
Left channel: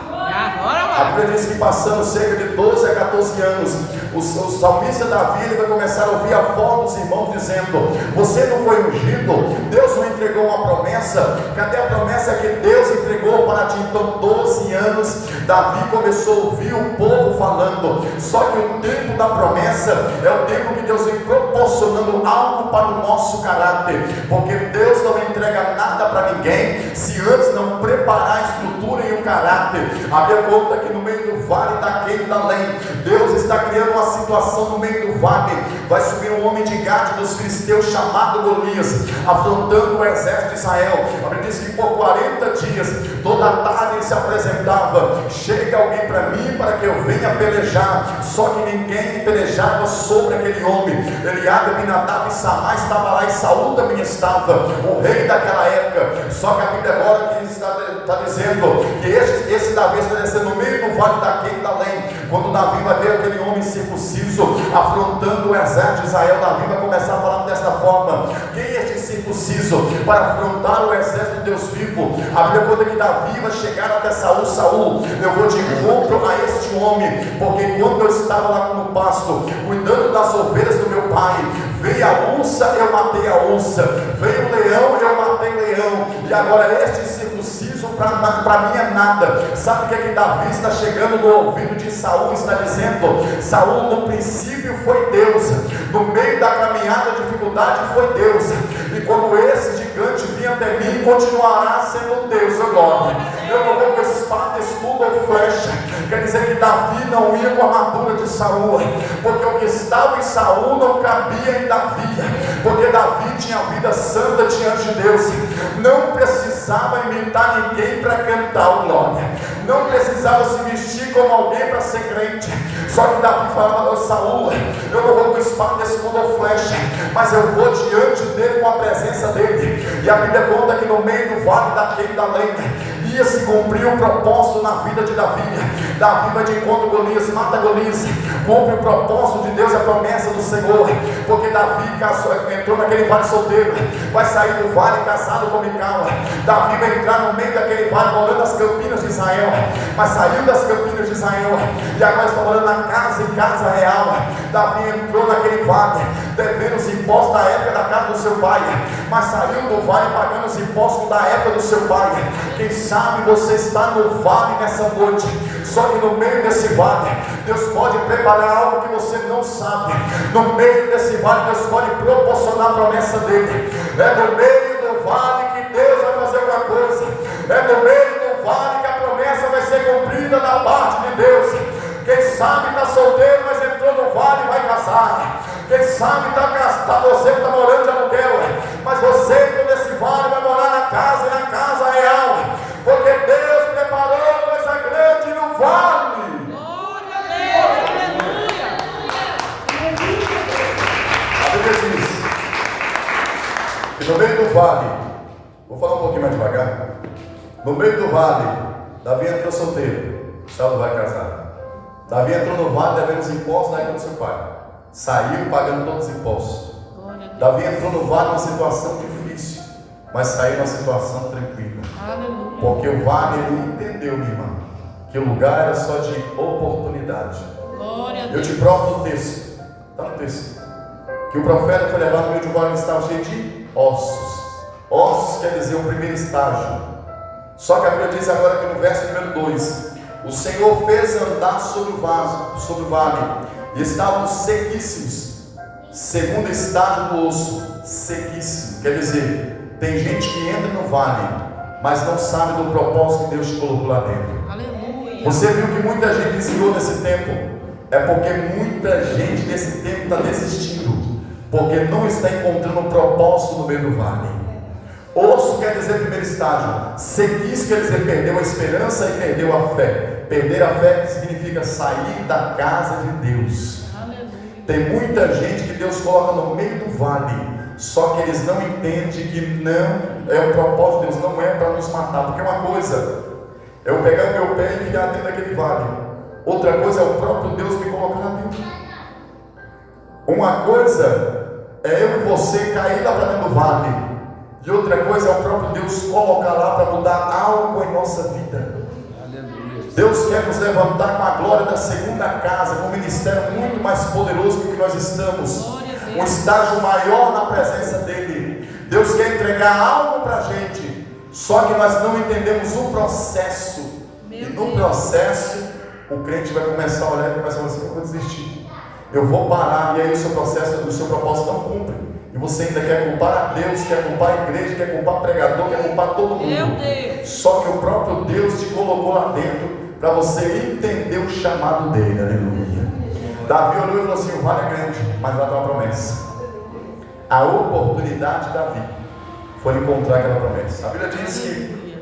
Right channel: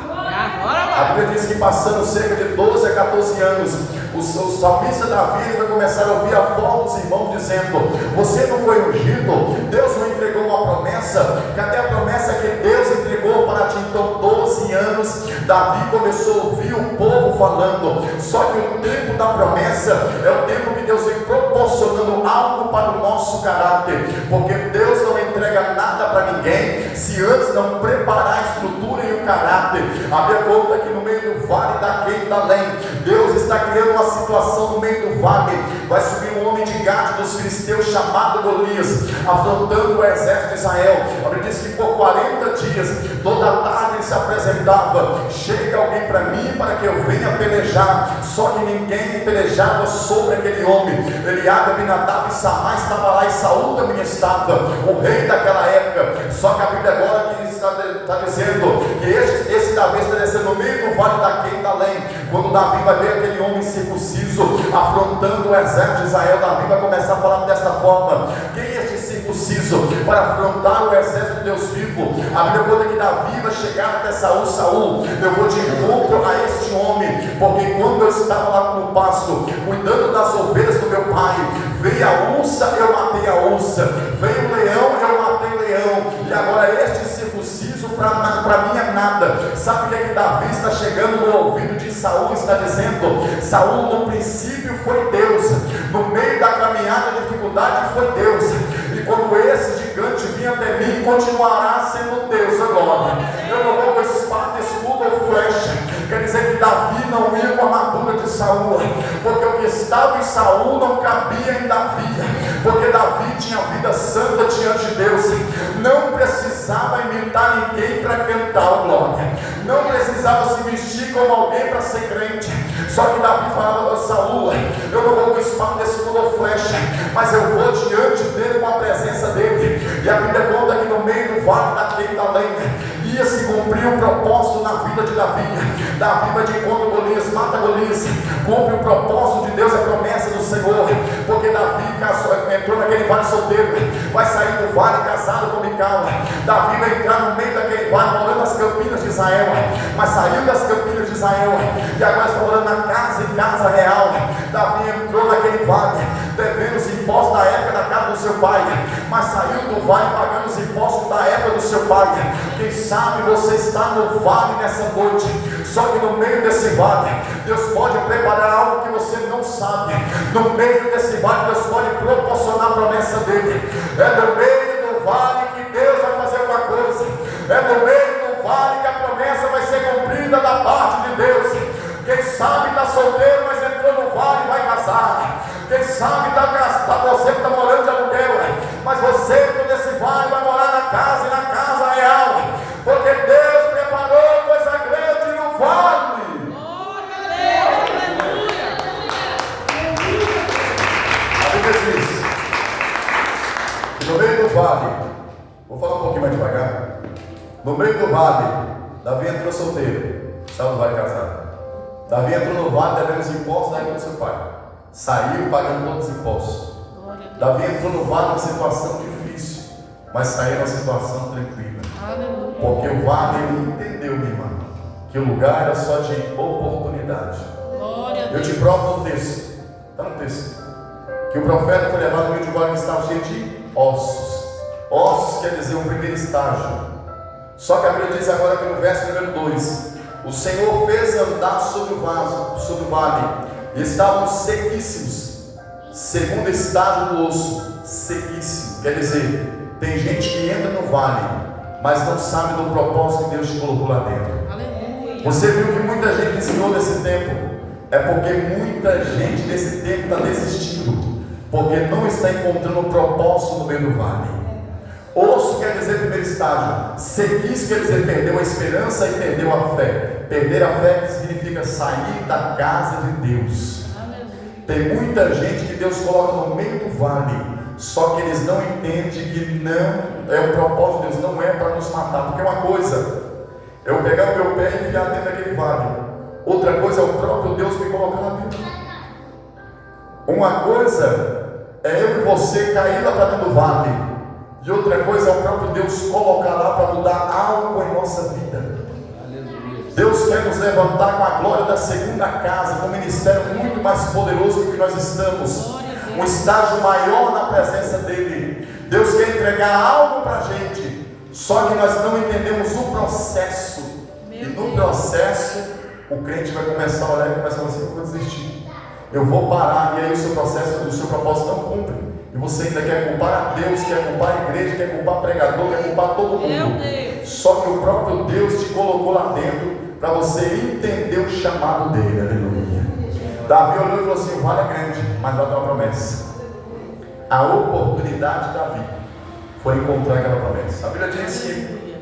Agora vai. A Bíblia diz que passando cerca de 12 a 14 anos, o salmista Davi vai começar a ouvir a voz dos irmãos dizendo: você não foi ungido? Deus não entregou uma promessa? Cadê a promessa que Deus entregou para ti? Então 12 anos, Davi começou a ouvir o povo falando. Só que o tempo da promessa é o tempo que Deus vem proporcionando algo para o nosso caráter, porque Deus não entrega nada para ninguém se antes não preparar a estrutura e o caráter. A Bíblia conta que no meio do vale da Queidalém, Deus está criando uma situação no meio do vale. Vai subir um homem de Gade dos filisteus chamado Golias, afrontando o exército de Israel. A Bíblia diz que por 40 dias, toda tarde ele se apresentava: chega alguém para mim para que eu venha pelejar. Só que ninguém pelejava sobre aquele homem. Eliabe, Abinadab e Samar estava lá, e Saul também estava, o rei daquela época. Só que a Bíblia agora que está dizendo que esse Davi está descendo no meio do vale da Queidalém. Quando Davi vai ver aquele homem circunciso afrontando o exército de Israel, Davi vai começar a falar desta forma: quem é este circunciso para afrontar o exército de Deus vivo? A Bíblia conta que Davi vai chegar até Saul: Saul, eu vou de encontro a este homem, porque quando eu estava lá no pasto, cuidando das ovelhas do meu pai, veio a ursa, eu matei a ursa, veio o leão, eu matei o leão, e agora este circunciso para mim é nada. Sabe o que é que Davi está chegando no ouvido de Saul? Está dizendo: Saul, no princípio foi Deus, no meio da caminhada de dificuldade foi Deus, e quando esse gigante vir até mim, continuará sendo Deus agora. Eu não vou com espada, escudo ou flecha. Quer dizer que Davi não ia com a armadura de Saul, porque o que estava em Saul não cabia em Davi, porque Davi tinha vida santa diante de Deus, não precisava imitar ninguém para cantar o glória, não precisava se vestir como alguém para ser crente. Só que Davi falava a Saul: eu não vou com espada, escudo ou flecha, mas eu vou diante dele com a presença dele. E a Bíblia conta que no meio do vale da Queidalém ia se cumprir o propósito na vida de Davi. Davi vai de encontro a Golias, mata Golias, cumpre o propósito de Deus, a promessa do Senhor, porque Davi entrou naquele vale solteiro, vai sair do vale casado com Mical. Davi vai entrar no meio daquele vale, morando nas campinas de Israel, mas saiu das campinas de Israel, e agora está morando na casa em casa real. Davi entrou naquele vale, devendo os impostos da época da casa do seu pai, mas saiu do vale pagando os impostos da época do seu pai. Quem sabe você está no vale nessa noite, só que no meio desse vale, Deus pode preparar algo que você não sabe. No meio desse vale, Deus pode proporcionar a promessa dele. É no meio do vale que Deus vai fazer uma coisa. É no meio do vale que a promessa vai ser cumprida da parte de Deus. Quem sabe está solteiro, mas entrou no vale e vai casar. Quem sabe você que está morando de aluguel, mas você entrou nesse vale vai morar na casa, e na casa real, porque Deus preparou coisa grande no vale. Glória a Deus, aleluia. A Bíblia diz que no meio do vale, vou falar um pouquinho mais devagar. No meio do vale, Davi entrou solteiro, Saul vai casar. Davi entrou no vale devendo os impostos da época do seu pai, saiu pagando todos os impostos. Davi entrou no vale numa situação difícil, mas saiu numa situação tranquila. Aleluia. Porque o vale, ele entendeu, minha irmã, que o lugar era só de oportunidade. Glória a Eu Deus. te provo no texto, está no texto, que o profeta foi levado no meio de um vale que estava cheio de ossos. Ossos quer dizer o primeiro estágio. Só que a Bíblia diz agora que no verso número 2, o Senhor fez andar sobre o vale, e estavam sequíssimos. Segundo estágio do osso, sequíssimo. Quer dizer, tem gente que entra no vale, mas não sabe do propósito que Deus te colocou lá dentro. Aleluia. Você viu que muita gente desviou nesse tempo? É porque muita gente nesse tempo está desistindo, porque não está encontrando um propósito no meio do vale. Osso quer dizer primeiro estágio, sequis quer dizer perdeu a esperança e perdeu a fé. Perder a fé significa sair da casa de Deus. Aleluia. Tem muita gente que Deus coloca no meio do vale, só que eles não entendem que não é o propósito de Deus, não é para nos matar. Porque uma coisa é eu pegar o meu pé e enfiar dentro daquele vale, outra coisa é o próprio Deus me colocar lá dentro. Uma coisa é eu e você cair lá para dentro do vale, e outra coisa é o próprio Deus colocar lá para mudar algo em nossa vida. Deus quer nos levantar com a glória da segunda casa, com um ministério muito mais poderoso do que nós estamos, um estágio maior na presença dEle. Deus quer entregar algo para a gente, só que nós não entendemos o processo. E no processo, o crente vai começar a olhar e começa a falar assim: eu vou desistir, eu vou parar, e aí o seu processo, o seu propósito não cumpre. E você ainda quer culpar a Deus, quer culpar a igreja, quer culpar o pregador, quer culpar todo mundo. Só que o próprio Deus te colocou lá dentro para você entender o chamado dele. Aleluia. Davi olhou e falou assim: o vale é grande, mas vai ter uma promessa. A oportunidade de Davi foi encontrar aquela promessa. A Bíblia diz que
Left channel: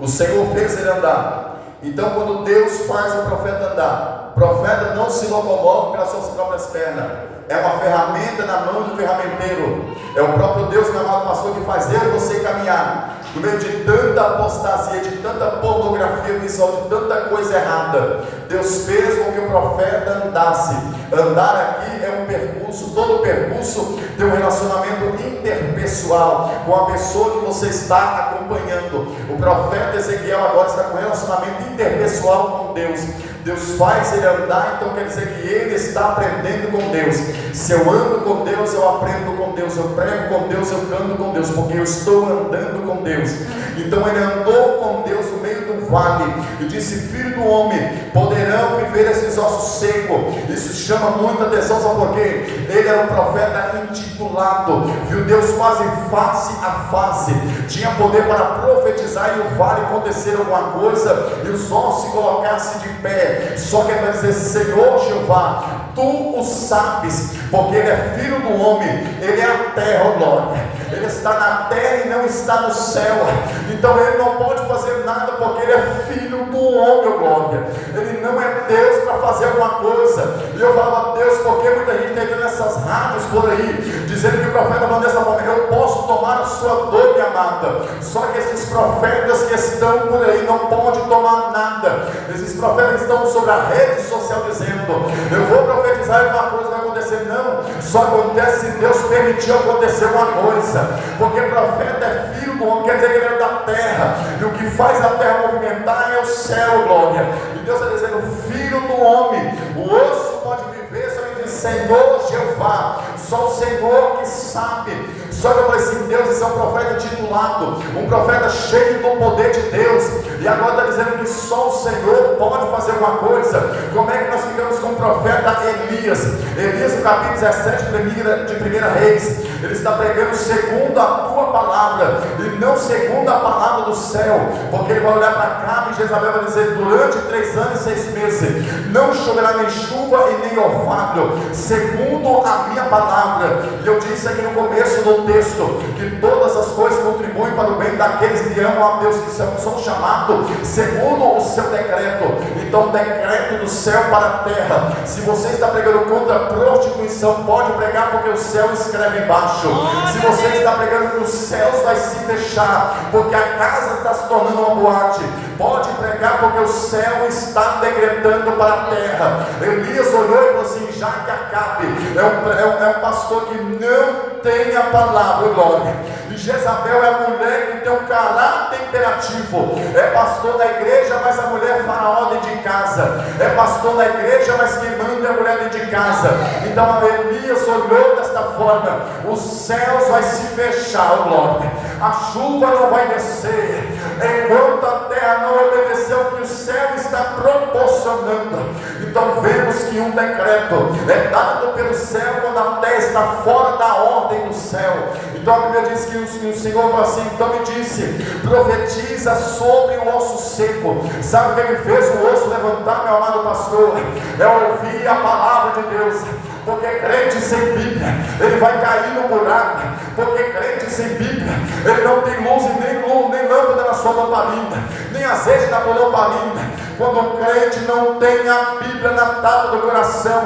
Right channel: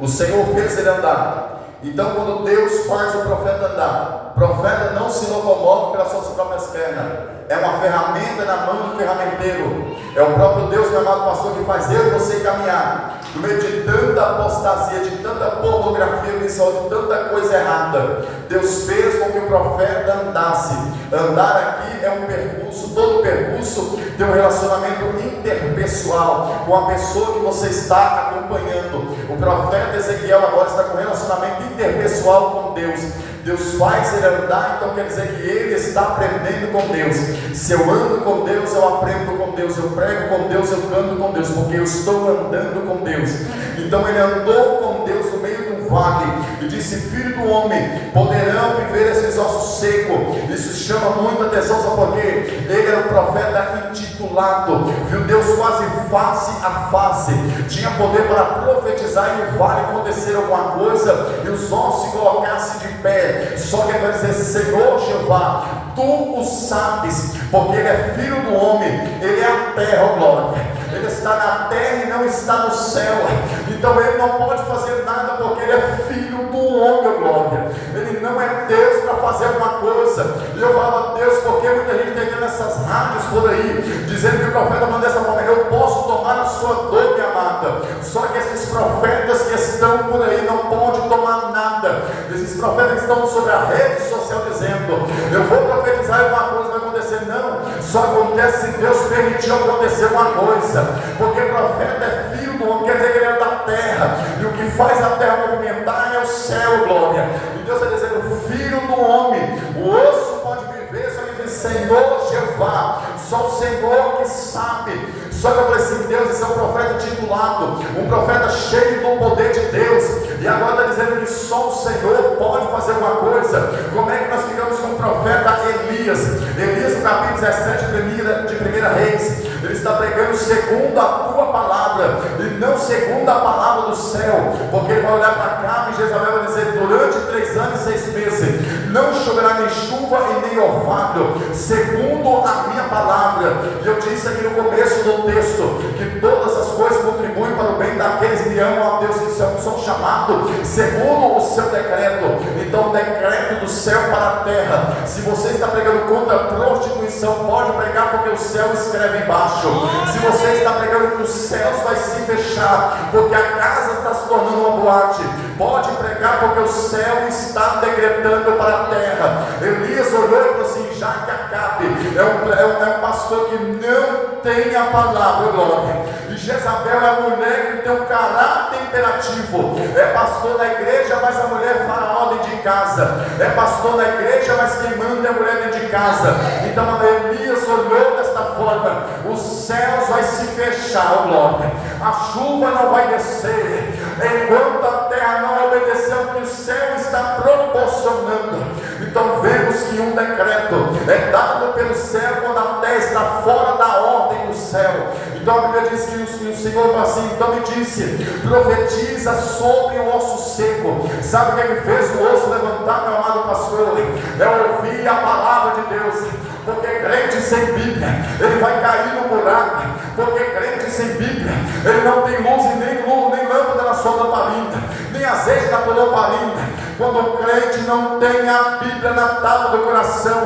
o Senhor fez ele andar. Então, quando Deus faz o profeta andar, o profeta não se locomove pelas suas próprias pernas, é uma ferramenta na mão do ferramenteiro. É o próprio Deus, meu amado pastor, que faz eu e você caminhar no meio de tanta apostasia, de tanta pornografia visual, de tanta coisa errada. Deus fez com que o profeta andasse. Andar aqui é um percurso, todo percurso tem um relacionamento interpessoal com a pessoa que você está acompanhando. O profeta Ezequiel agora está com um relacionamento interpessoal com Deus. Deus faz ele andar, então quer dizer que ele está aprendendo com Deus. Se eu ando com Deus, eu aprendo com Deus, eu prego com Deus, eu canto com Deus, porque eu estou andando com Deus. Então ele andou com Deus no meio do vale e disse: filho do homem, poderão viver esses ossos secos? Isso chama muita atenção, sabe por quê? Ele era um profeta intitulado, viu Deus quase face a face, tinha poder para profetizar e o vale acontecer alguma coisa e os ossos se colocassem de pé. Só que ele vai dizer: Senhor Jeová, tu o sabes, porque ele é filho do homem, ele é a terra, ó glória. Ele está na terra e não está no céu. Então ele não pode fazer nada, porque ele é filho do homem, ó glória. Ele não é Deus para fazer alguma coisa. E eu falava: Deus, porque muita gente está nessas rádios por aí, dizendo que o profeta falando dessa forma: eu posso tomar a sua dor, minha amada. Só que esses profetas que estão por aí não podem tomar nada. Esses profetas que estão sobre a rede social dizendo: eu vou profetizar e uma coisa vai acontecer. Não, só acontece se Deus permitiu acontecer uma coisa, porque o profeta é filho do homem, quer dizer que ele é da terra, e o que faz a terra movimentar é o céu, glória. E Deus está dizendo: filho do homem, o osso pode viver, só que diz Senhor Jeová, só o Senhor que sabe. Só que eu falei assim: Deus, esse é um profeta titulado, um profeta cheio do poder de Deus, e agora está dizendo que só o Senhor pode fazer uma coisa. Como é que nós ficamos com o profeta Elias? Elias, no capítulo 17 de 1 Reis, ele está pregando segundo a tua palavra, e não segundo a palavra do céu, porque ele vai olhar para cá e Jezabel vai dizer: durante 3 anos e 6 meses não choverá nem chuva e nem orvalho, segundo a minha palavra. E eu disse aqui no começo do texto que todas as coisas contribuem para o bem daqueles que amam a Deus, que são chamados segundo o seu decreto. Então, o decreto do céu para a terra. Se você está pregando contra a prostituição, pode pregar, porque o céu escreve embaixo. Se você está pregando que os céus vai se fechar, porque a casa está se tornando uma boate, pode pregar, porque o céu está decretando para a terra. Elias olhou e falou assim: já que Acabe é um pastor que não tem a palavra, glória. E Jezabel é a mulher que tem um caráter imperativo. É pastor da igreja, mas a mulher é faraó dentro de casa. É pastor da igreja, mas quem manda é a mulher dentro de casa. Então Elias olhou desta forma, os céus vai se fechar, oh glória, a chuva não vai descer, enquanto a terra não obedecer ao que o céu está proporcionando. Então vemos que um decreto é dado pelo céu quando a terra está fora da ordem do céu. Então a Bíblia diz que o Senhor falou assim, então me disse, profetiza sobre o osso seco. Sabe o que ele fez o osso levantar, meu amado pastor? É ouvir a palavra de Deus. Porque crente sem Bíblia, ele vai cair no buraco. Porque crente sem Bíblia, ele não tem luz e nem lâmpada na sua lamparina, nem azeite na sua lamparina. Quando o crente não tem a Bíblia na tábua do coração,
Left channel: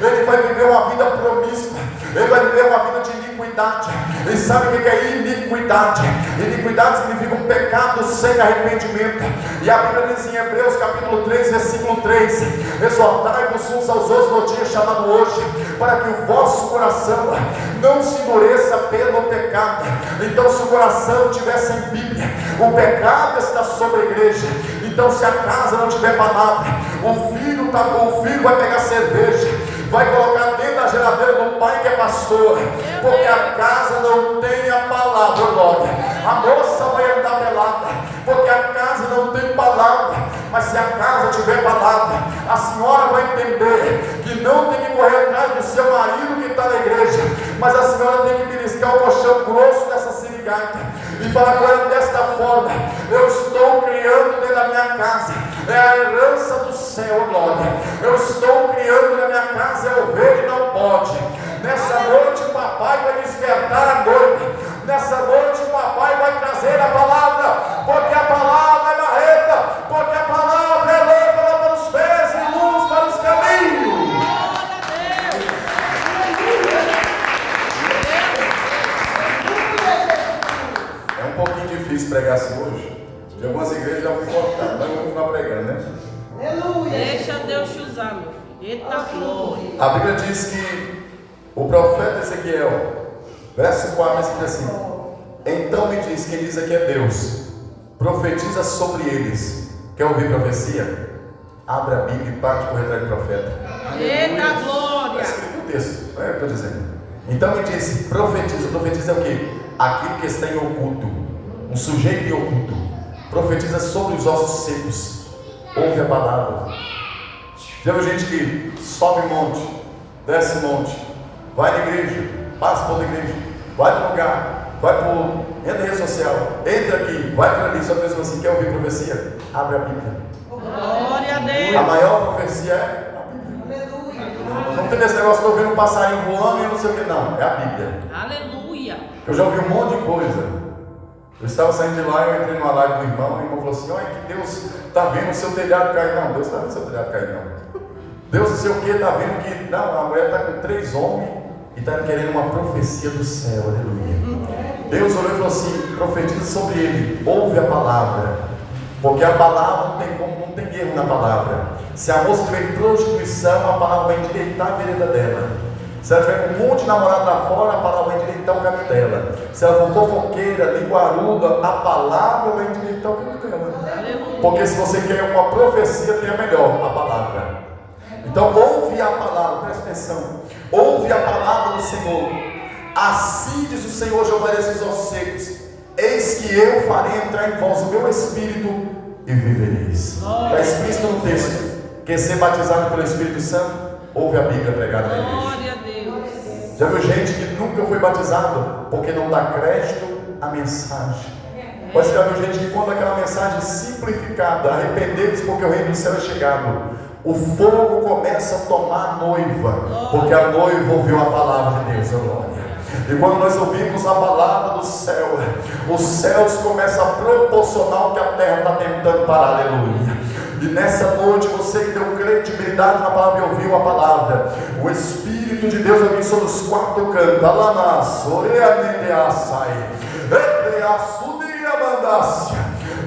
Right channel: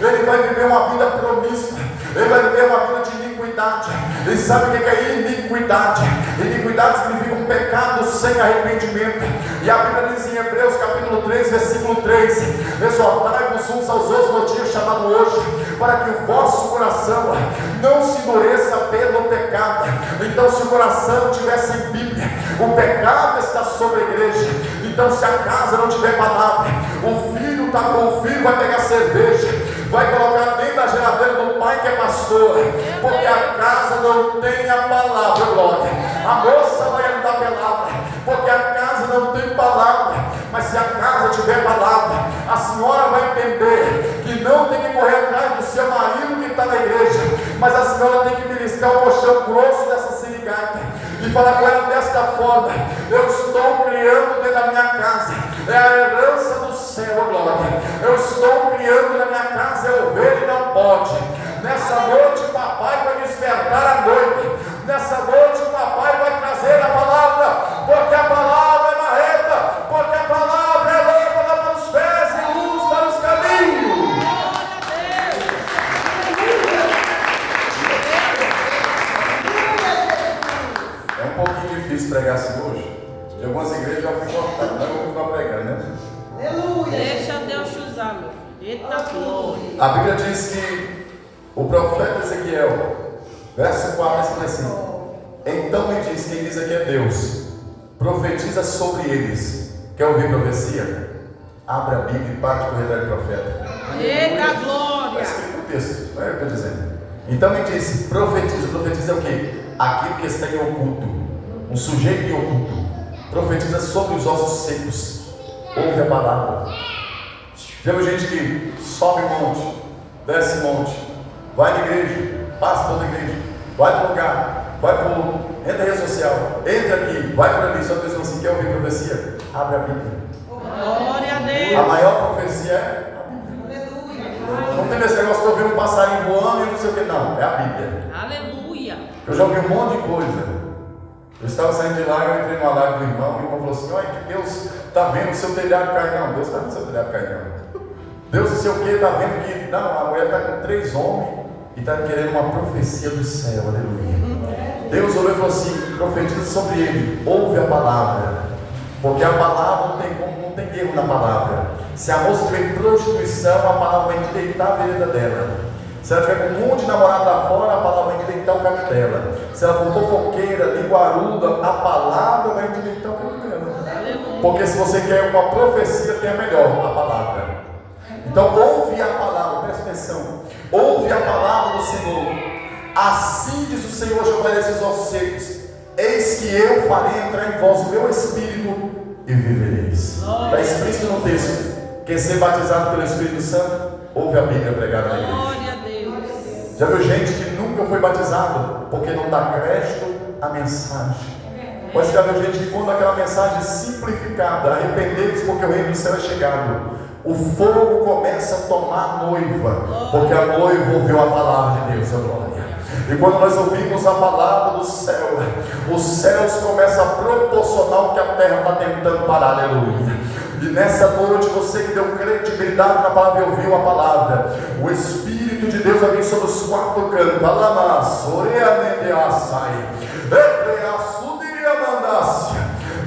ele vai viver uma vida promíscua, ele vai viver uma vida de iniquidade. E sabe o que é iniquidade? Iniquidade significa um pecado sem arrependimento. E a Bíblia diz em Hebreus capítulo 3, versículo 3: exortai-vos uns aos outros no dia chamado hoje, para que o vosso coração não se endureça pelo pecado. Então, se o coração estiver sem Bíblia, o pecado está sobre a igreja. Então, se a casa não tiver palavra, o filho vai pegar cerveja, vai colocar dentro da geladeira do pai que é pastor, porque a casa não tem a palavra, glória. A moça vai andar pelada, porque a casa não tem palavra. Mas se a casa tiver palavra, a senhora vai entender que não tem que correr atrás do seu marido que está na igreja, mas a senhora tem que beliscar o colchão grosso dessa sirigaita e falar com ela desta forma: eu estou criando dentro da minha casa, é a herança do céu, glória. Eu estou criando na minha casa, é ovelha e não pode. Nessa noite o papai vai despertar a noiva. Nessa noite o papai vai trazer a palavra, porque a palavra é marreta, porque a palavra é lâmpada para os pés e luz para os caminhos. É um pouquinho difícil pregar assim hoje. De algumas igrejas já fui cortado, mas eu vou continuar pregando, né? Deixa Deus te usar, meu filho. Eita glória. A Bíblia diz que o profeta Ezequiel, verso 4, diz assim: então me diz, quem diz aqui é Deus, profetiza sobre eles. Quer ouvir profecia? Abra a Bíblia e parte por atrás do profeta. Eita glória. Está escrito no texto, não é o que eu estou dizendo. Então me diz, profetiza. Profetiza é o quê? Aquilo que está em oculto, um sujeito em oculto. Profetiza sobre os ossos secos. Ouve a palavra. Já viu gente que sobe monte, desce monte, vai na igreja, passa por outra igreja, vai no lugar, vai por, entra na rede social, entra aqui, vai por ali, só que você assim, quer ouvir profecia? Abre a Bíblia. Glória a A Deus. maior profecia é a Bíblia. Não tem esse negócio de ouvir um passarinho voando e não sei o que, não, é a Bíblia. Aleluia. Eu já ouvi um monte de coisa. Eu estava saindo de lá, eu entrei numa live do irmão, e o irmão falou assim: olha que Deus está vendo o seu telhado cair. Não, Deus está vendo o seu telhado cair, não. Deus não sei o que, está vendo que, não, a mulher está com 3 homens e está querendo uma profecia do céu, aleluia. Deus olhou e falou assim: profetiza sobre ele, ouve a palavra, porque a palavra não tem erro na palavra. Se a moça tiver em prostituição, a palavra vai endireitar a vereda dela. Se ela tiver com um monte de namorado lá fora, a palavra vai endireitar o caminho dela. Se ela for fofoqueira, linguaruda, a palavra vai endireitar o caminho dela. Aleluia. Porque se você quer uma profecia, tem a melhor, a palavra. Então ouve a palavra, presta atenção. Ouve a palavra do Senhor. Assim diz o Senhor Jeová desses ossos secos: eis que eu farei entrar em vós o meu espírito e vivereis. Está explícito no texto. Quer ser batizado pelo Espírito Santo? Ouve a Bíblia pregada na igreja. Glória a Deus. Já viu gente que nunca foi batizado porque não dá crédito à mensagem? Mas já viu gente que quando aquela mensagem simplificada, arrependei-vos porque o reino do céu é chegado, o fogo começa a tomar a noiva, porque a noiva ouviu a palavra de Deus, a glória. E quando nós ouvimos a palavra do céu, os céus começam a proporcionar o que a terra está tentando parar, aleluia. E nessa noite, você que deu credibilidade na palavra e ouviu a palavra, o Espírito de Deus vai vir sobre os 4 cantos.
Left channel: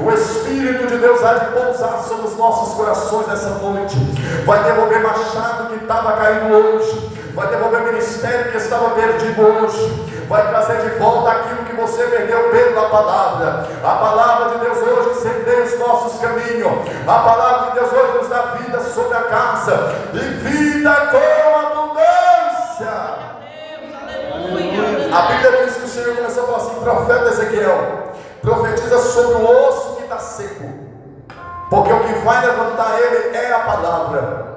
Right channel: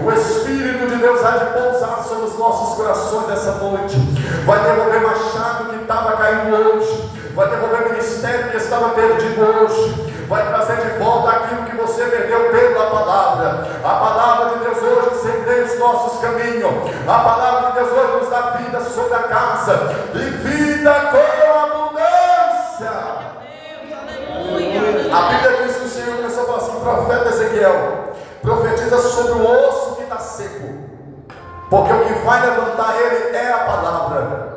O Espírito de Deus há de pousar sobre os nossos corações nessa noite. Vai devolver machado que estava caindo hoje. Vai devolver ministério que estava perdido hoje. Vai trazer de volta aquilo que você perdeu pela palavra. A palavra de Deus hoje incendeia os nossos caminhos. A palavra de Deus hoje nos dá vida sobre a casa e vida com abundância. Deus, aleluia. profeta Ezequiel profetiza sobre o osso que está seco, porque o que vai levantar ele é a palavra.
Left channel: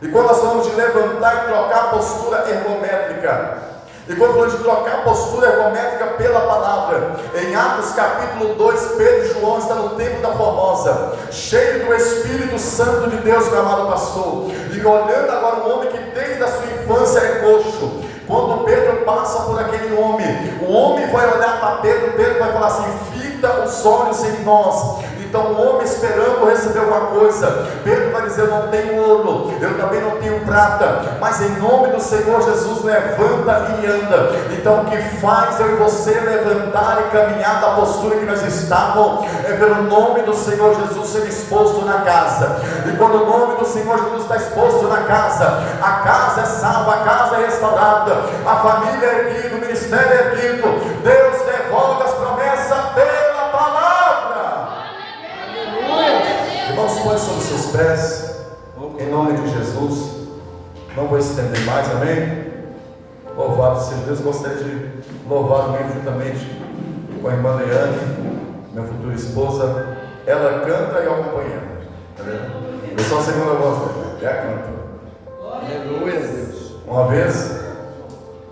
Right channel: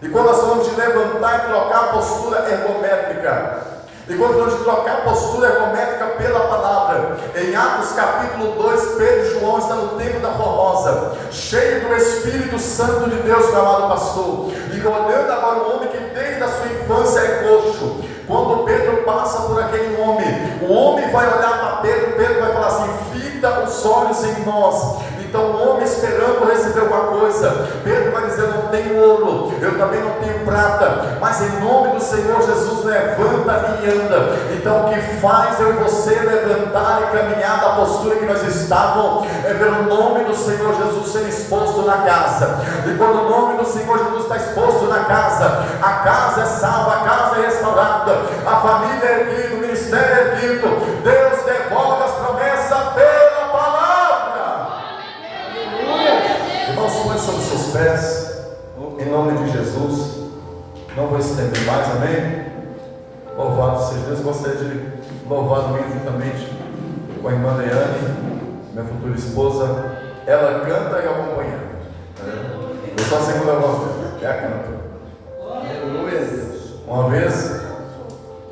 E quando nós falamos de levantar e trocar a postura ergométrica, e quando falamos de trocar a postura ergométrica pela palavra, em Atos capítulo 2, Pedro e João estão no templo da Formosa, cheio do Espírito Santo de Deus, meu amado pastor, e olhando agora um homem que desde a sua infância é coxo. Quando Pedro passa por aquele homem, o homem vai olhar para Pedro, Pedro vai falar assim: fita os olhos em nós. Então o homem esperando receber alguma coisa, Pedro vai dizer: não tenho ouro, eu também não tenho prata, mas em nome do Senhor Jesus levanta e anda. Então o que faz eu e você levantar e caminhar da postura que nós estávamos é ver o nome do Senhor Jesus ser exposto na casa. E quando o nome do Senhor Jesus está exposto na casa, a casa é salva, a casa é restaurada, a família é erguida, o ministério é erguido, Deus devolve as promessas pela palavra. Irmãos, põe sobre seus pés, em nome de Jesus. Não vou estender mais, amém? Louvado seja Deus. Gostaria de louvar juntamente com a irmã Leane, minha futura esposa. Ela canta e eu acompanho. Eu sou a segunda voz dela, ela canta. Aleluia, Deus. Uma vez,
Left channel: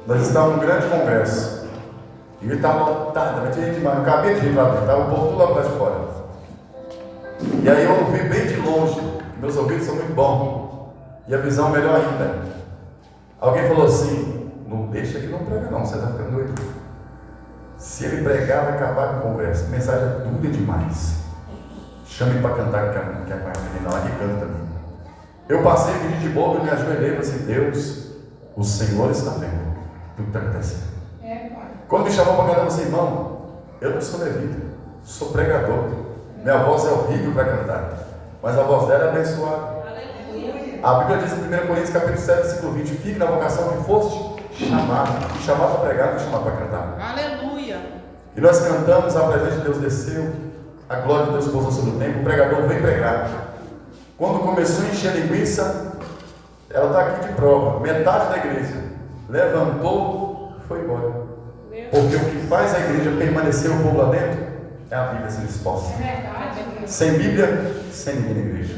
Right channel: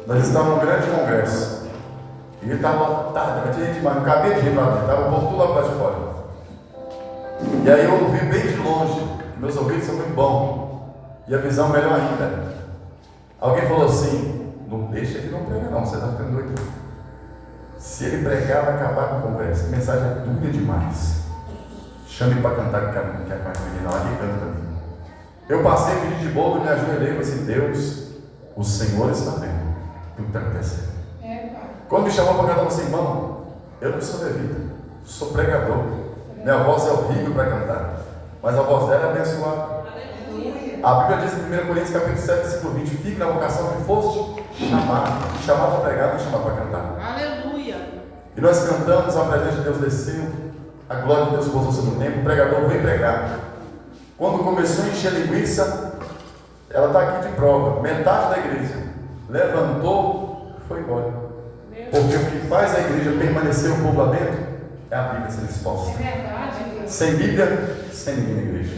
nós estávamos num grande congresso, e ele estava lotado, mas tinha gente demais, não cabia de rir para dentro, estava o povo tudo lá para fora. E aí eu ouvi bem de longe, meus ouvidos são muito bons, e a visão melhor ainda. Alguém falou assim: não deixa que não prega não, você está ficando doido. Se ele pregar, vai acabar com o congresso, a mensagem é dura demais. Chame para cantar, que é com a menina lá, e canta também. Eu passei, pedi de boca, me ajoelhei e falei assim: Deus, o Senhor está vendo tudo que está acontecendo. Quando me chamou para cantar, eu falei assim: irmão, eu não sou levita, sou pregador. Minha voz é horrível para cantar, mas a voz dela é abençoada. A Bíblia diz em 1 Coríntios capítulo 7, versículo 20: fique na vocação que foste chamado para pregar, não chamado para cantar. Aleluia. E nós cantamos, a presença de Deus desceu, a glória de Deus pousou sobre o templo, o pregador veio pregar. Quando começou a encher linguiça, ela está aqui de prova, metade da igreja levantou e foi embora. Porque o que faz a igreja permanecer o povo lá dentro é a Bíblia ser exposta. Sem Bíblia, sem ninguém na igreja.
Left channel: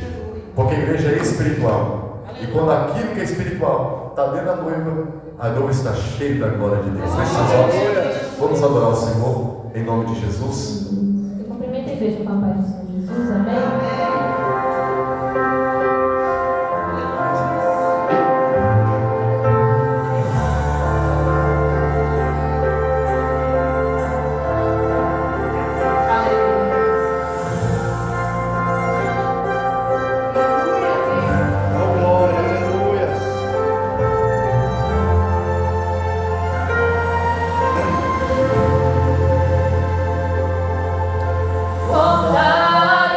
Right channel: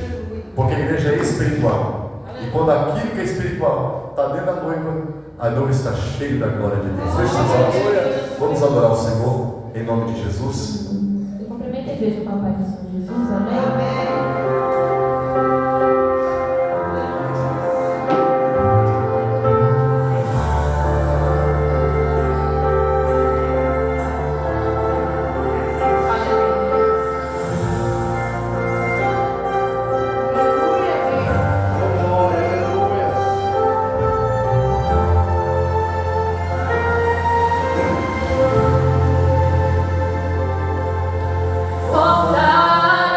Porque a igreja é espiritual. E quando aquilo que é espiritual está dentro da noiva, a noiva está cheia da glória de Deus. Feche seus olhos. Vamos adorar o Senhor em nome de Jesus. Eu cumprimento a igreja com a paz do Senhor Jesus. Amém. Voltaram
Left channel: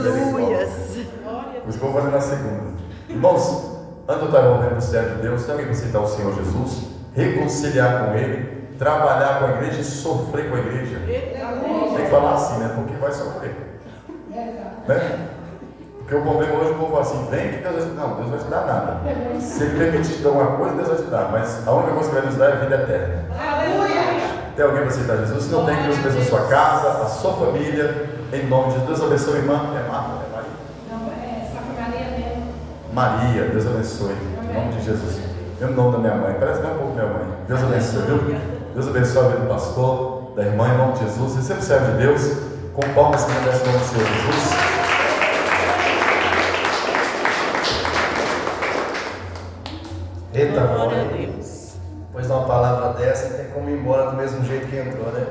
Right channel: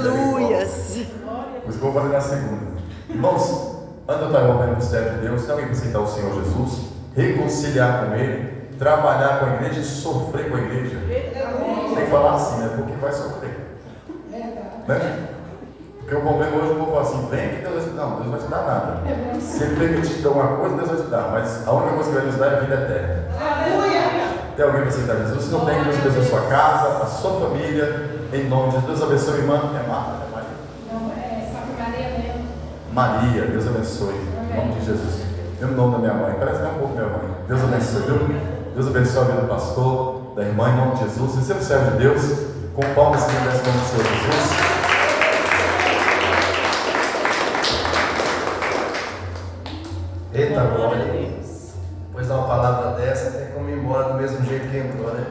Aleluias. Por isso que eu vou fazer na segunda. Irmãos, antes eu estava ouvindo o servo de Deus, tem alguém que aceitar o Senhor Jesus, reconciliar com Ele, trabalhar com a igreja e sofrer com a igreja. Tem que falar assim, né? Porque vai sofrer. Né? Porque o problema hoje, o povo fala assim, vem que Deus vai te dar. Não, Deus vai te dar nada. Se Ele permitir te dar uma coisa, Deus vai te dar. Mas a única coisa que Ele vai nos dar é a vida eterna. Tem alguém para aceitar Jesus? Se não tem, Deus abençoe a sua casa, a sua família, em nome de Deus. Abençoe, irmã. É Marta, é Maria? Não, é só que Maria mesmo. Maria, Deus abençoe. Em nome de Jesus. E o nome da minha mãe, parece nem um pouco minha mãe. Deus abençoe, viu? Deus abençoe a vida do pastor, da irmã, em nome de Jesus. Receba o servo de Deus, com palmas que merece o nome do Senhor Jesus. Eita, Glória a glória. Deus. Depois de uma palavra dessa, tem como ir embora do mesmo jeito que entrou, né?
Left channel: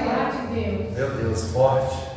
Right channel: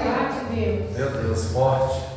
Glória de Deus. Meu Deus, forte.